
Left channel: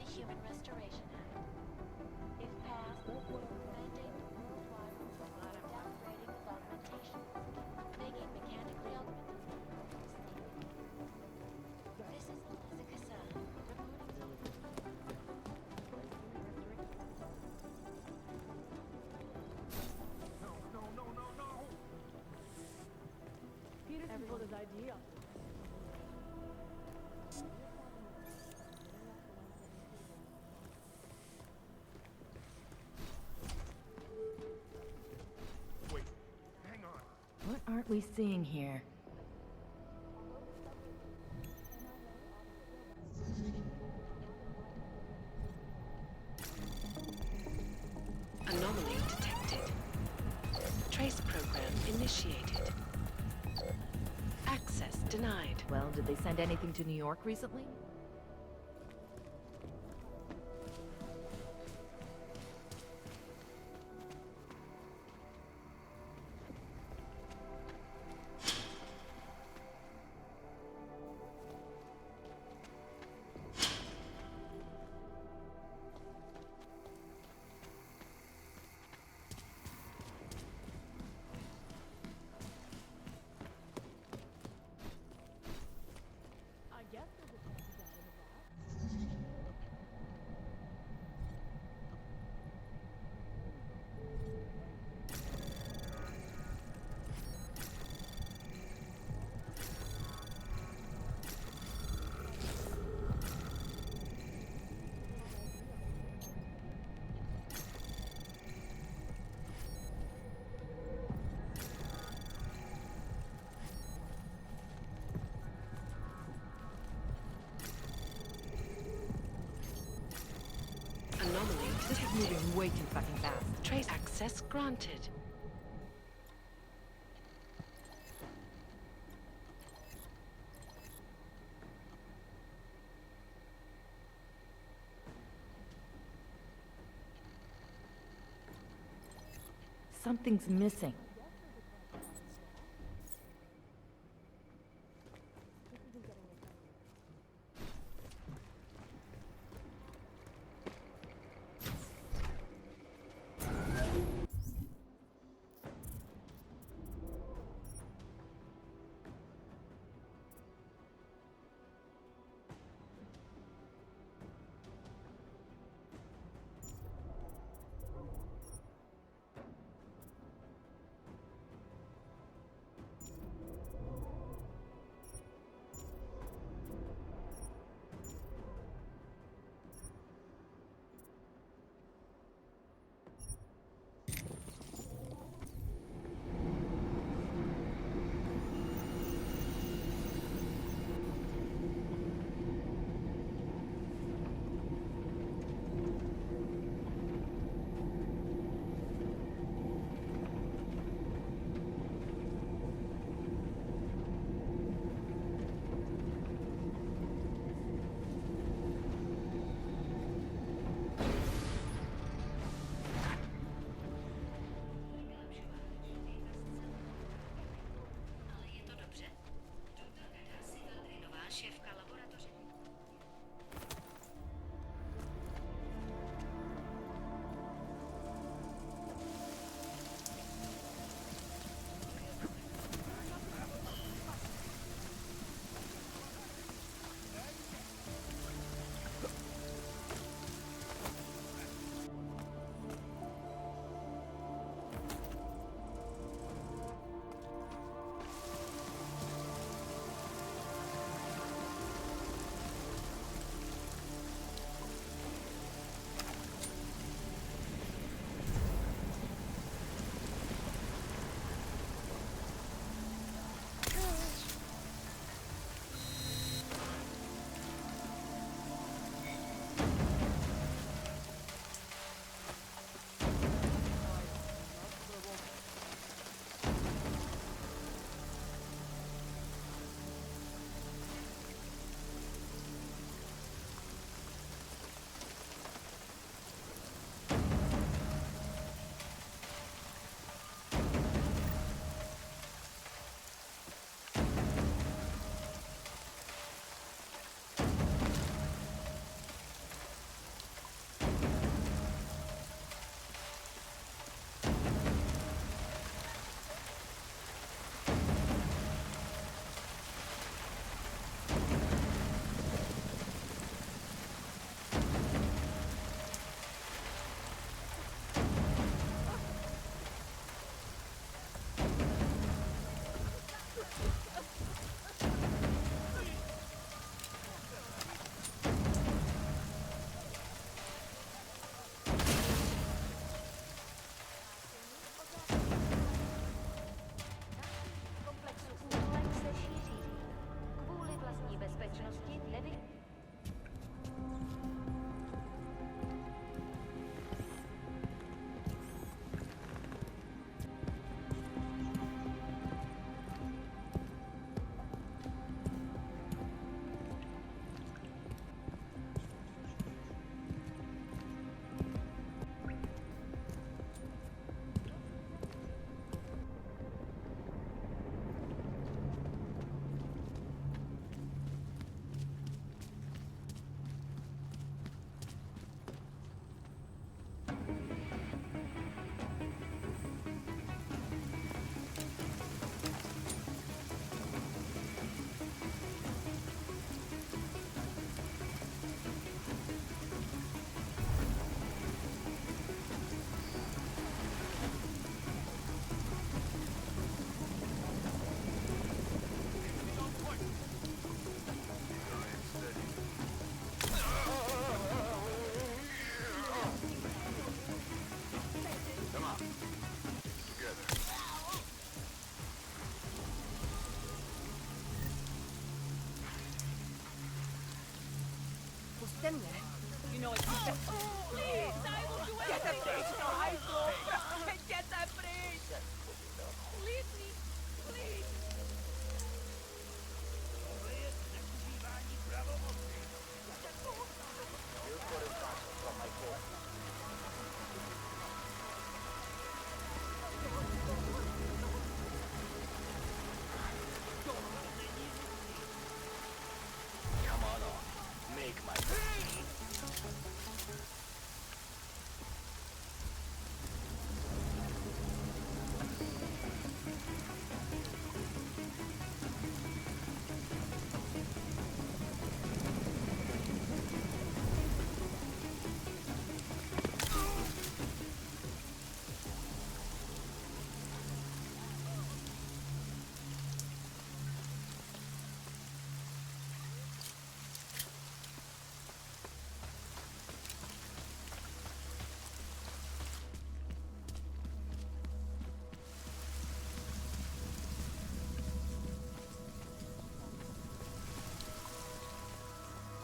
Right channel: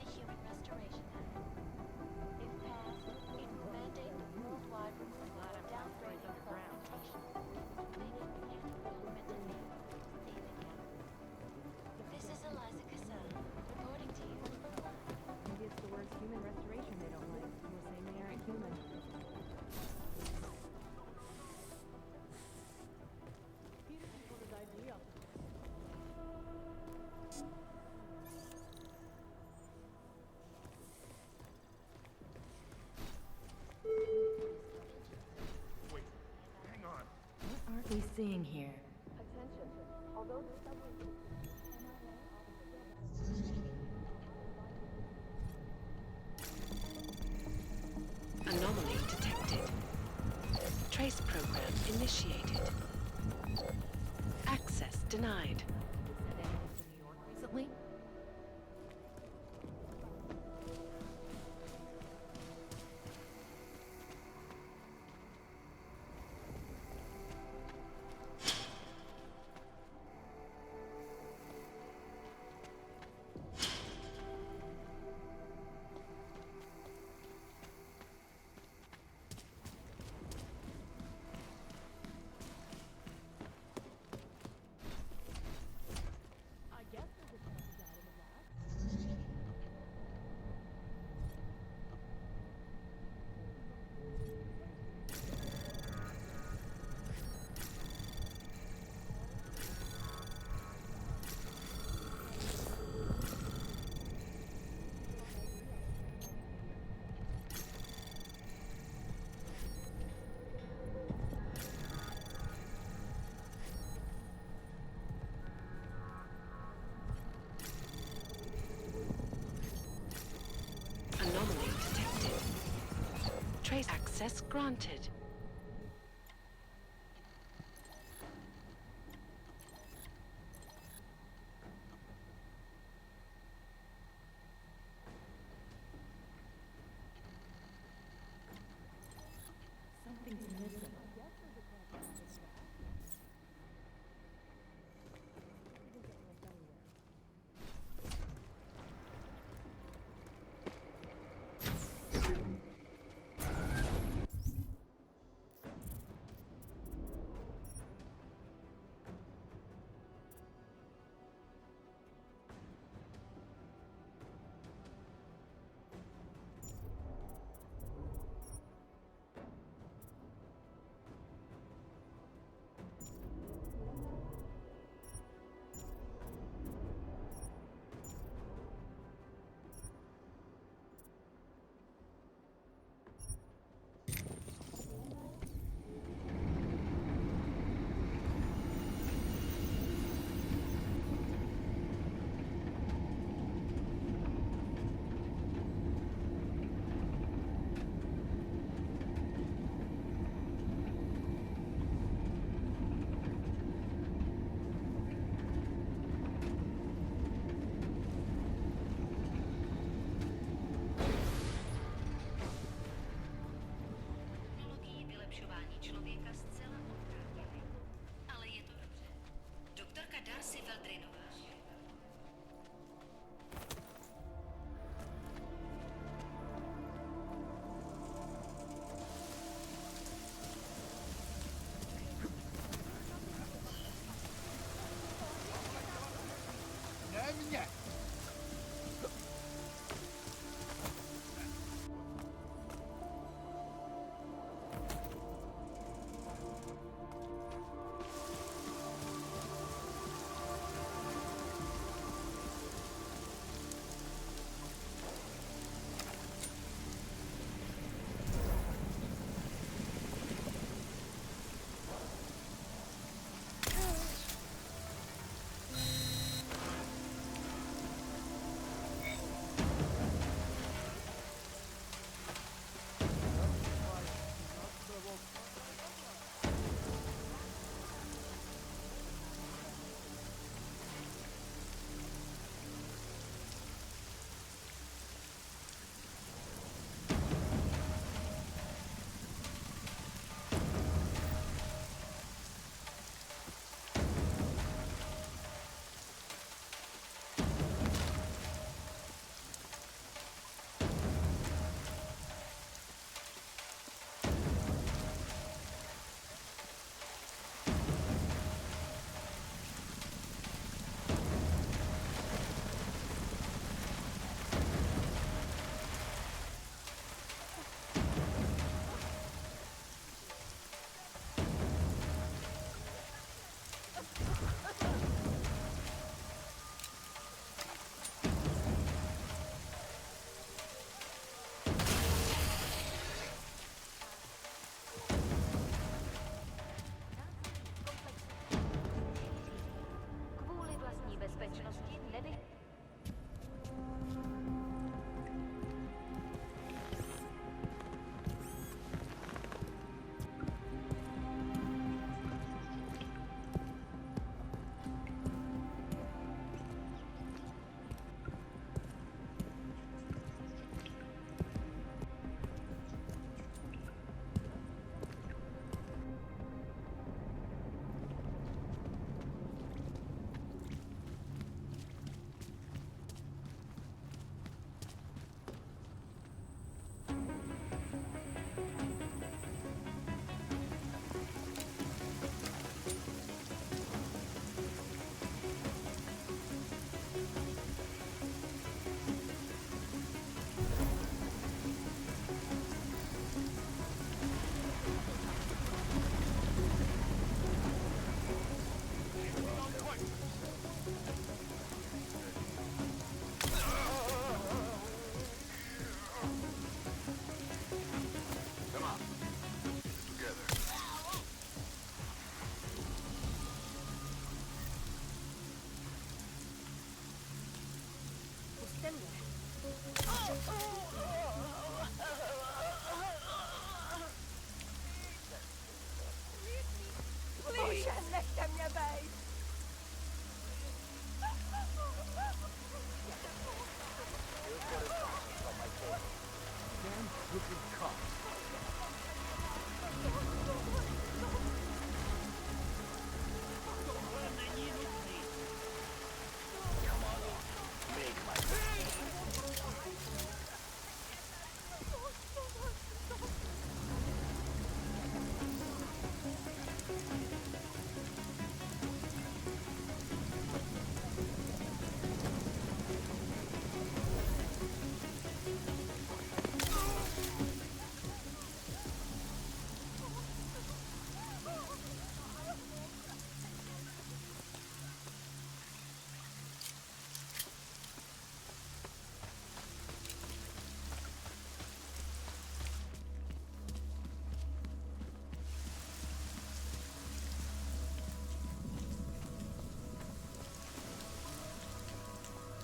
The Human Restoration Act. If passed, it will mandate the worldwide removal or downgrading of augmentation, making mechanically augmented vehicles safe again. This is Eliza Kassan, reporting to you. It's the word human restoration they don't like. We'll say they aren't human. No. Peterson put his idea. Wait, hang on. What aren't we seeing here? Anomaly detected. Trace program initiated. Access denied. Well, did they send anything to New York recently? I guess there's a chance he died in the blast. Anomaly detected. Moving way too fucking fast. Trace access granted. Something's missing. bezpečnosti nevy... Them yet? You know it's Get that bridge! Leave me! Please! Let them your babe! Here's what instructions from my court. This is cops. Come on off. Make my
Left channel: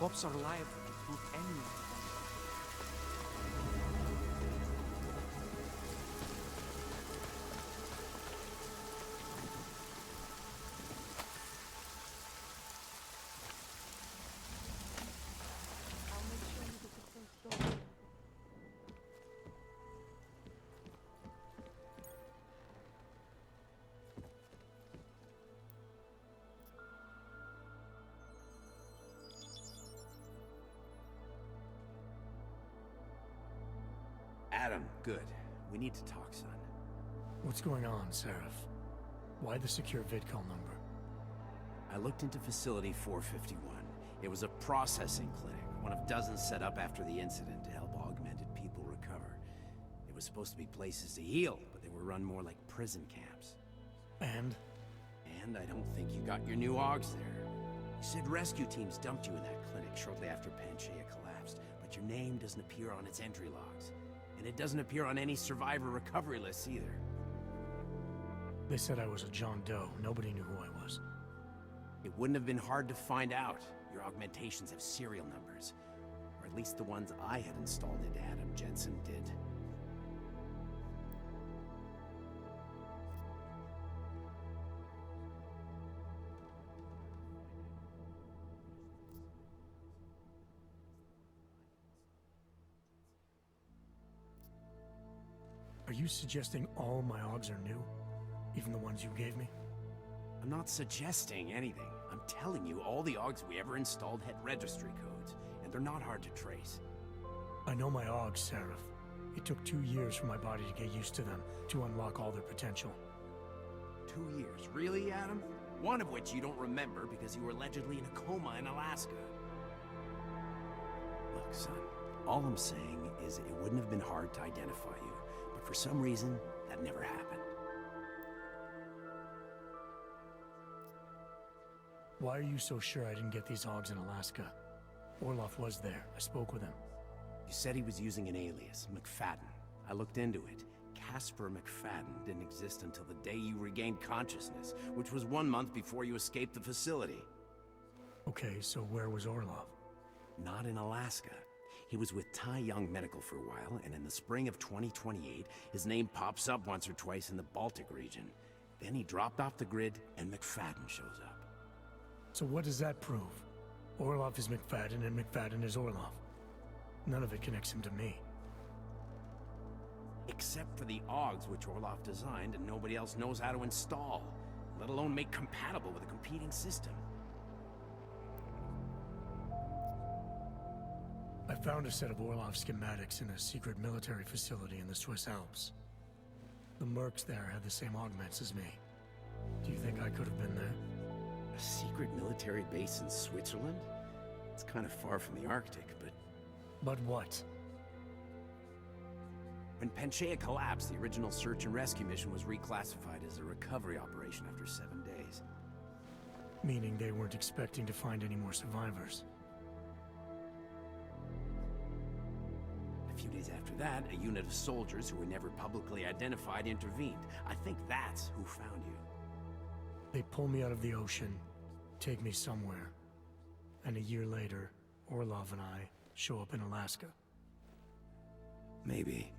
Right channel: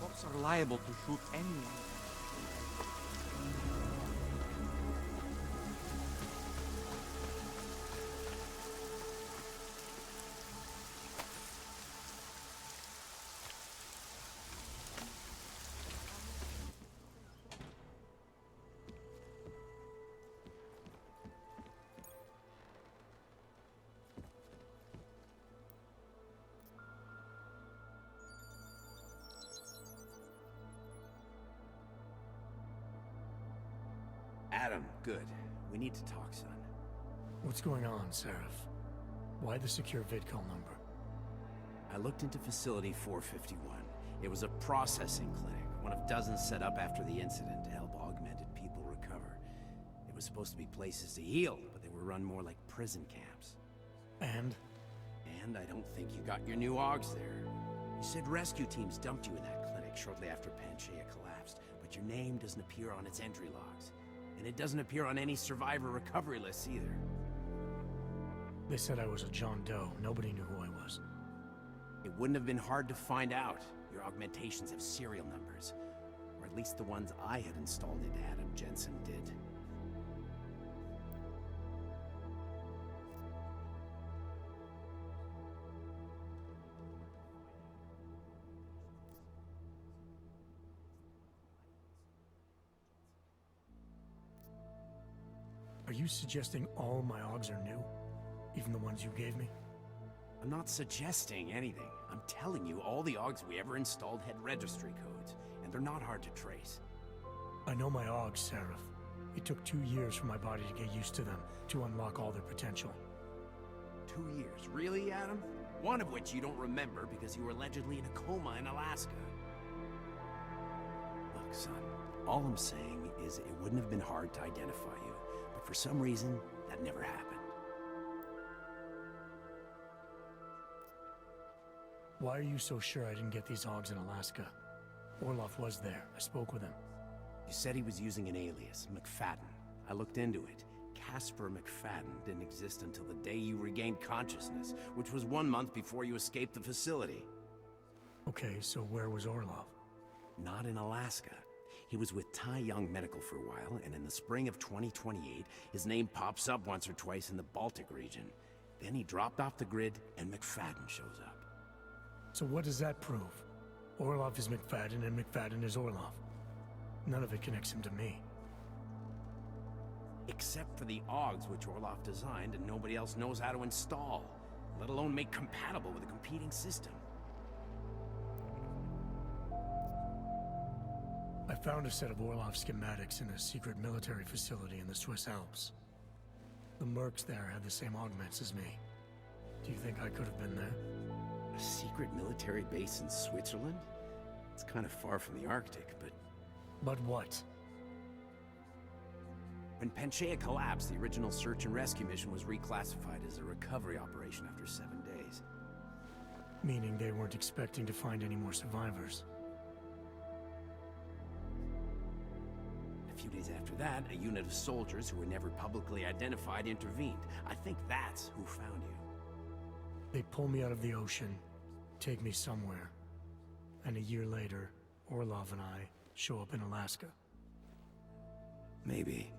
Cops are liable to shoot anyone. Adam, good. We need to talk, son. What's going on, Seraph? Why the secure VidCall number? I looked into Facility 451. It was a processing clinic, one of dozens set up after the incident to help augmented people recover. It was supposed to be places to heal, but they were run more like prison camps. And? And I don't think you got your new AUGs there. You said rescue teams dumped you in that clinic shortly after Panchaea collapsed, but your name doesn't appear on its entry logs. And it doesn't appear on any survivor recovery lists either. They said I was a John Doe. Nobody knew who I was. It wouldn't have been hard to find out. Your augmentations have serial numbers. Or at least the ones I had installed into Adam Jensen did. Are you suggesting all my AUGs are new? Even the ones you gave me? I'm not suggesting anything. I'm telling you, all the AUGs we ever installed had registry codes, and they're not hard to trace. I know my AUGs, Seraph. It took 2 years for my body to get used to them, to unlock all their potential. 2 years? Really, Adam? One of which you don't remember because you were allegedly in a coma in Alaska. Look, son, all I'm saying is it wouldn't have been hard to identify you, but for some reason, that never happened. Why are you so sure I didn't get these AUGs in Alaska? Orloff was there. I spoke with him. You said he was using an alias, McFadden. I looked into it. Casper McFadden didn't exist until the day you regained consciousness, which was 1 month before you escaped the facility. Okay, so where was Orloff? Not in Alaska. He was with Tai Young Medical for a while, and in the spring of 2028, his name pops up once or twice in the Baltic region. Then he dropped off the grid, and McFadden shows up. So what does that prove? Orloff is McFadden, and McFadden is Orloff. None of it connects him to me. Except for the AUGs which Orloff designed and nobody else knows how to install, let alone make compatible with a competing system. I found a set of Orloff schematics in a secret military facility in the Swiss Alps. The mercs there had the same augments as me. Do you think I could have been there? A secret military base in Switzerland? It's kind of far from the Arctic, but... But what? When Panchaea collapsed, the original search and rescue mission was reclassified as a recovery operation after 7 days. Meaning they weren't expecting to find any more survivors. A few days after that, a unit of soldiers who were never publicly identified intervened. I think that's who found you. They pull me out of the ocean, take me somewhere, and a year later, Orlov and I show up in Alaska. Maybe.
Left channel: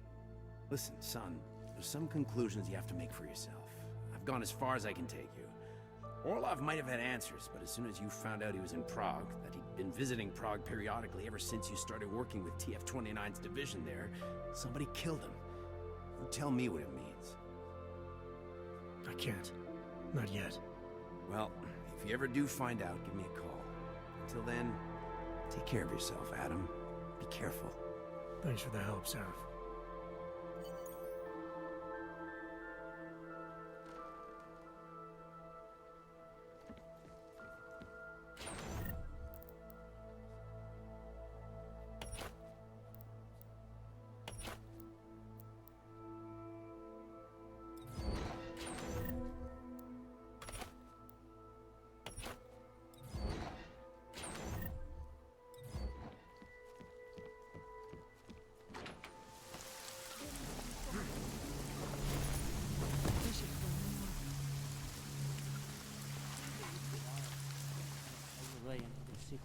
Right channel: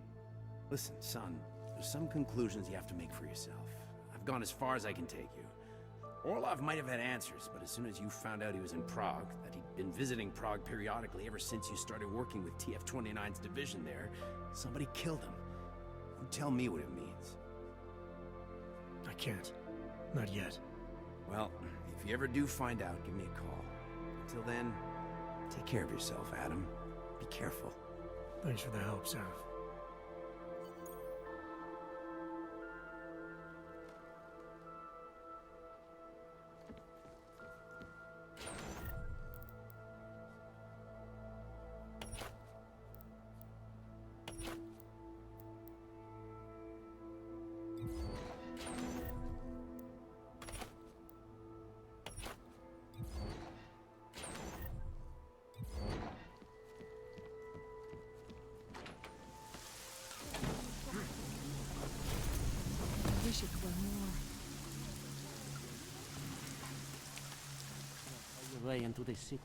Listen, son, there's some conclusions you have to make for yourself. I've gone as far as I can take you. Orlov might have had answers, but as soon as you found out he was in Prague, that he'd been visiting Prague periodically ever since you started working with TF-29's division there, somebody killed him. You tell me what it means. I can't. Not yet. Well, if you ever do find out, give me a call. Until then, take care of yourself, Adam. Be careful. Thanks for the help, Seraph. Wish it were more. All the way into the city.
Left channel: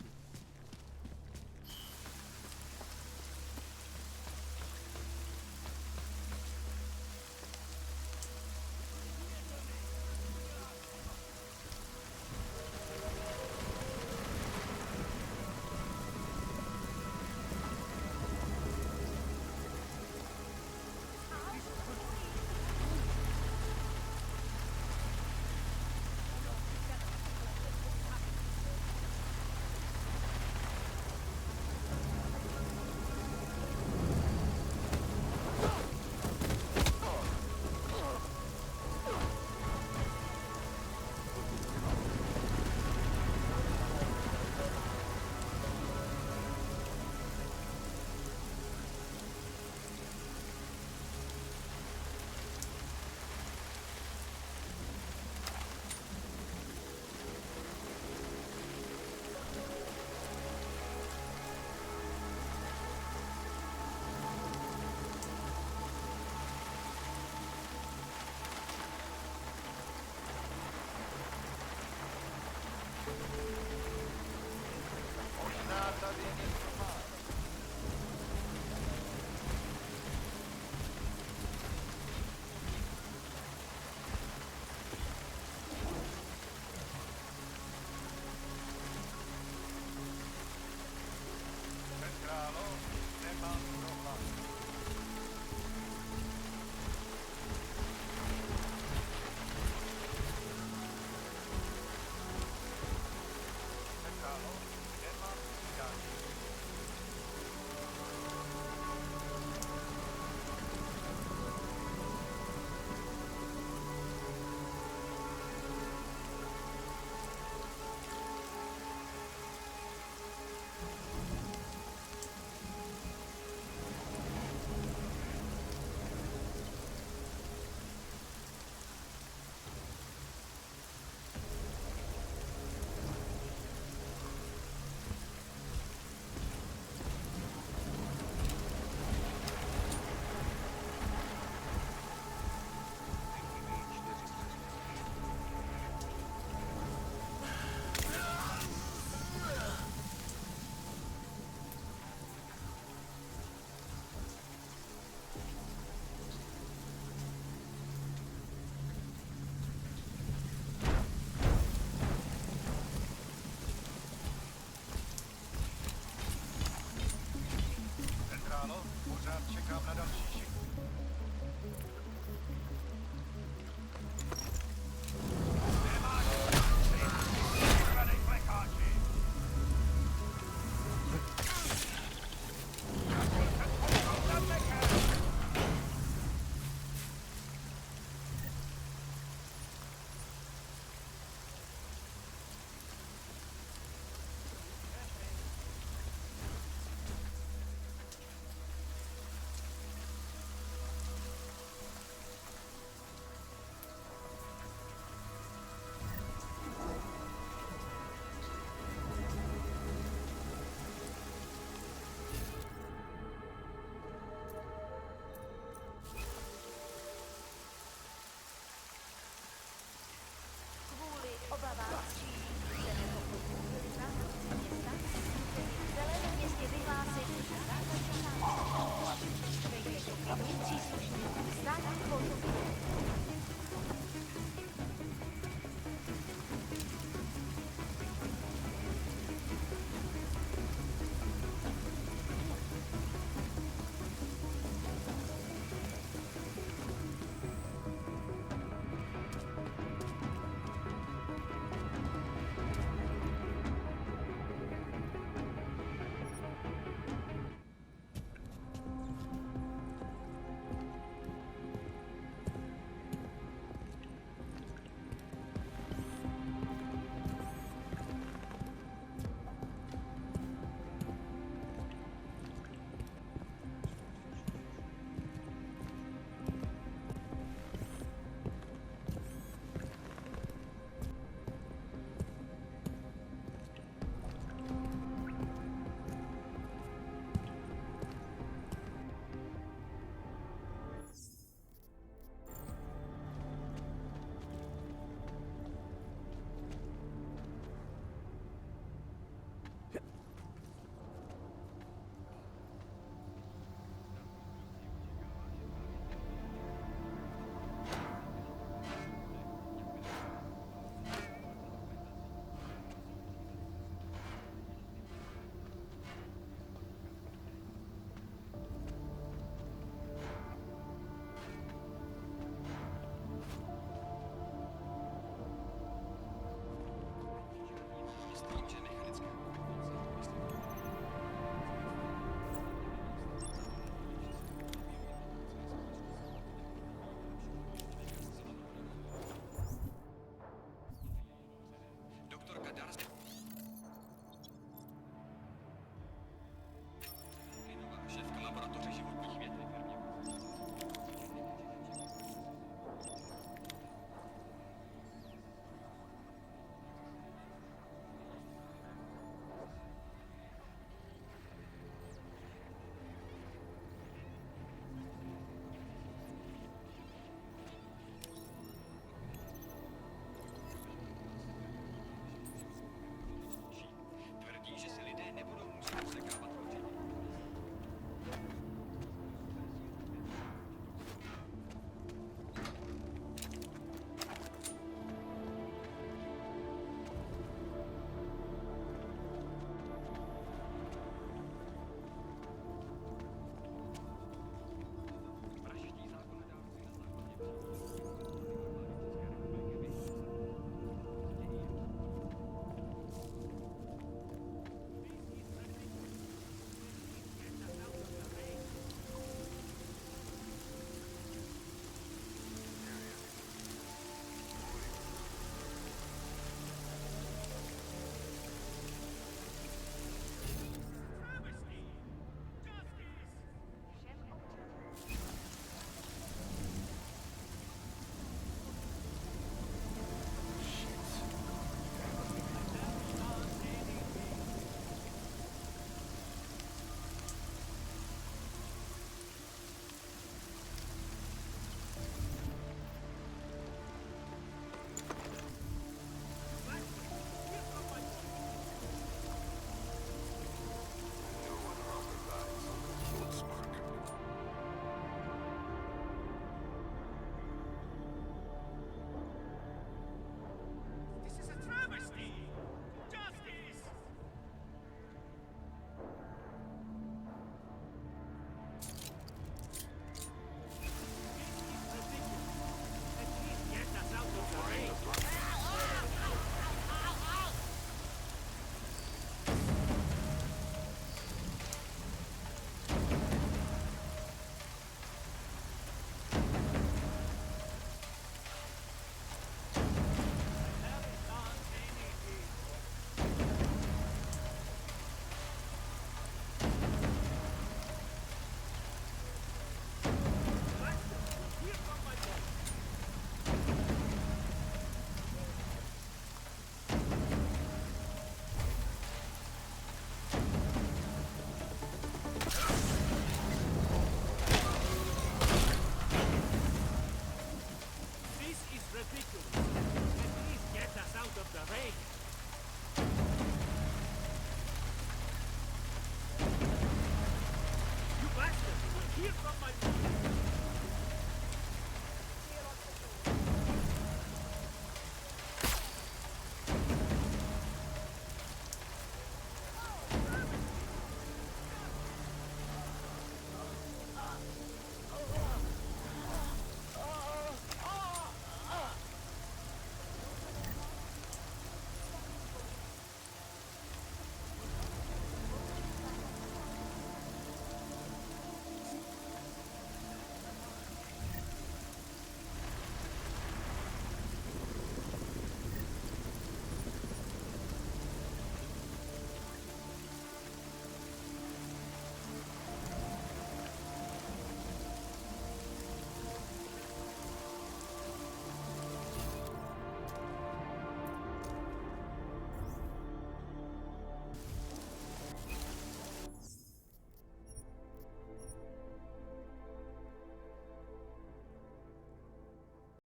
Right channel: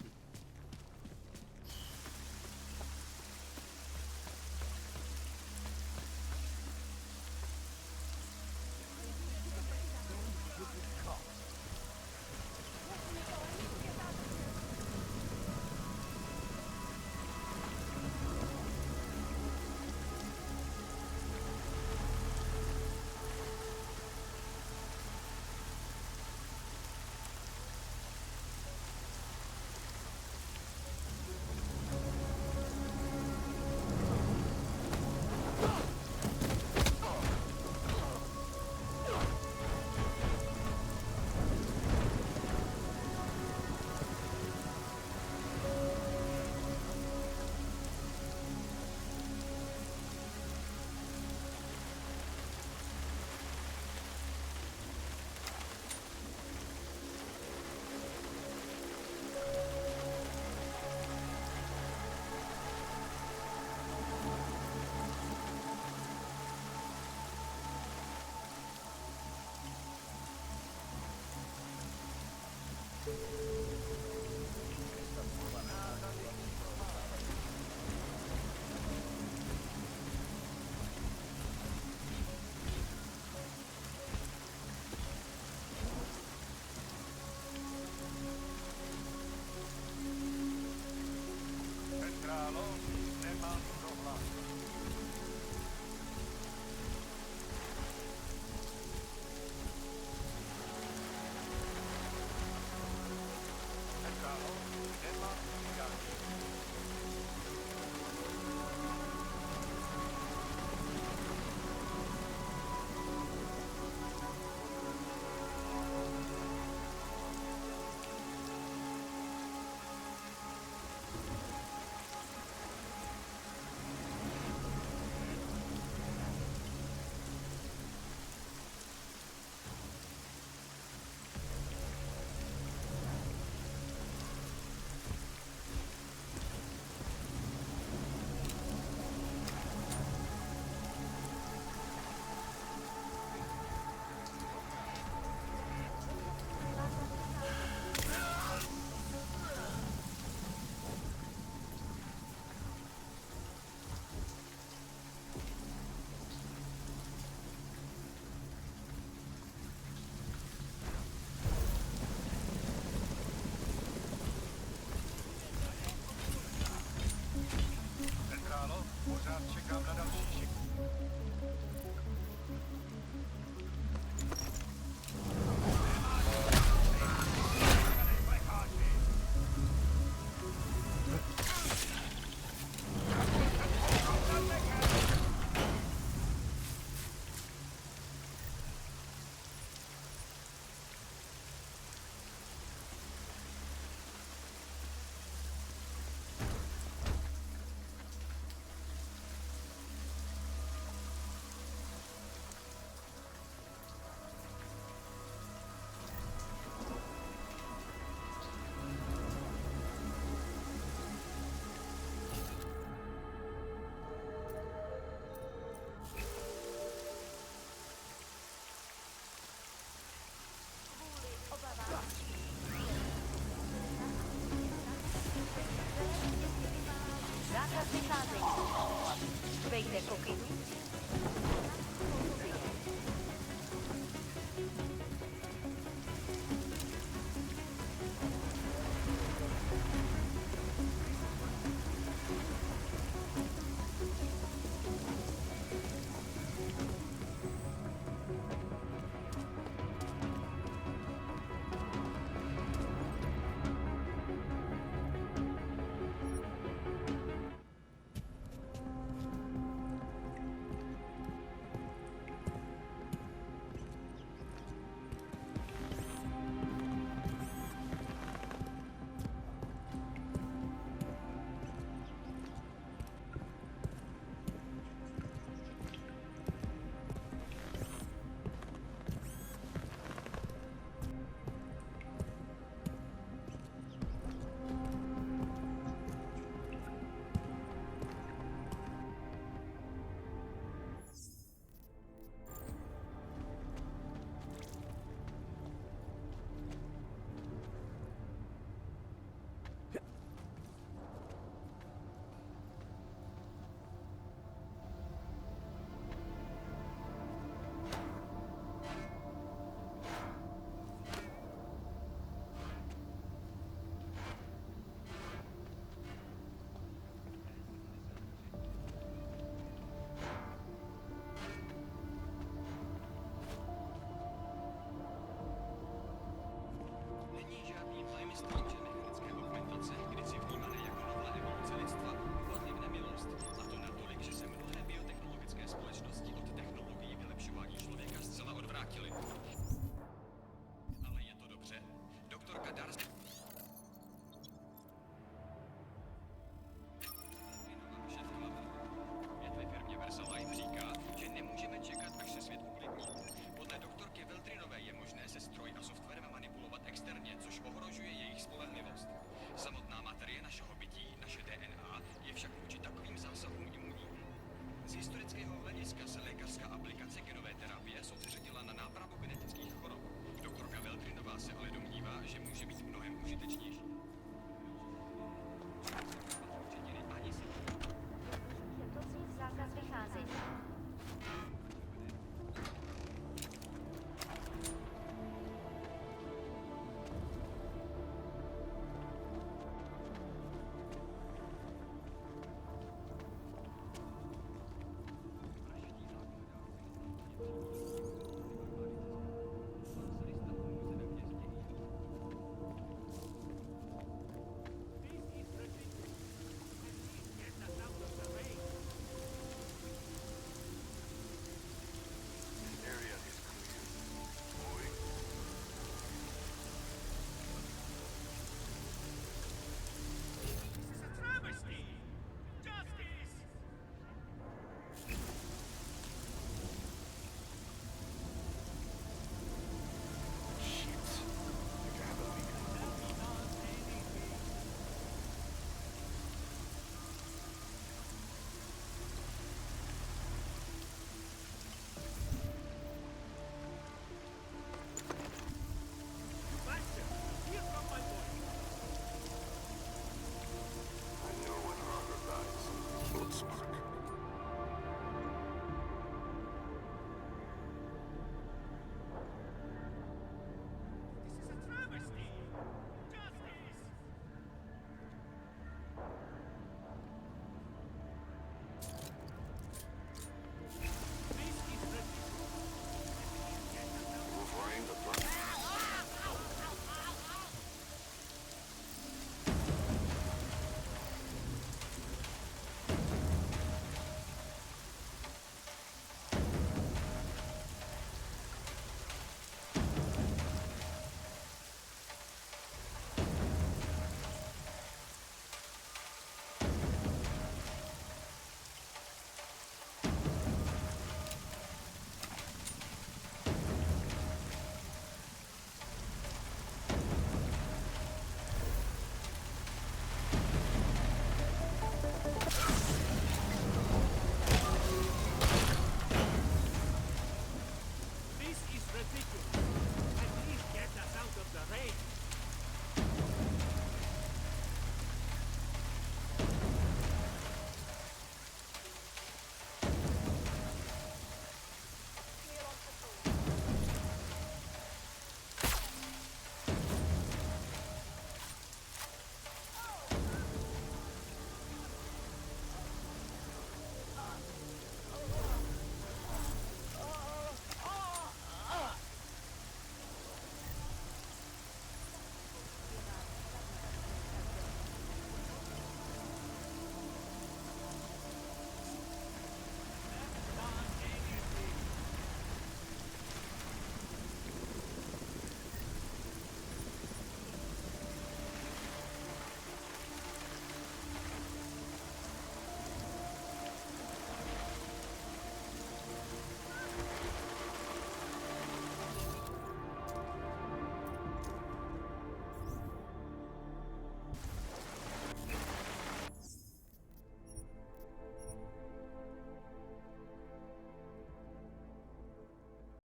the Indians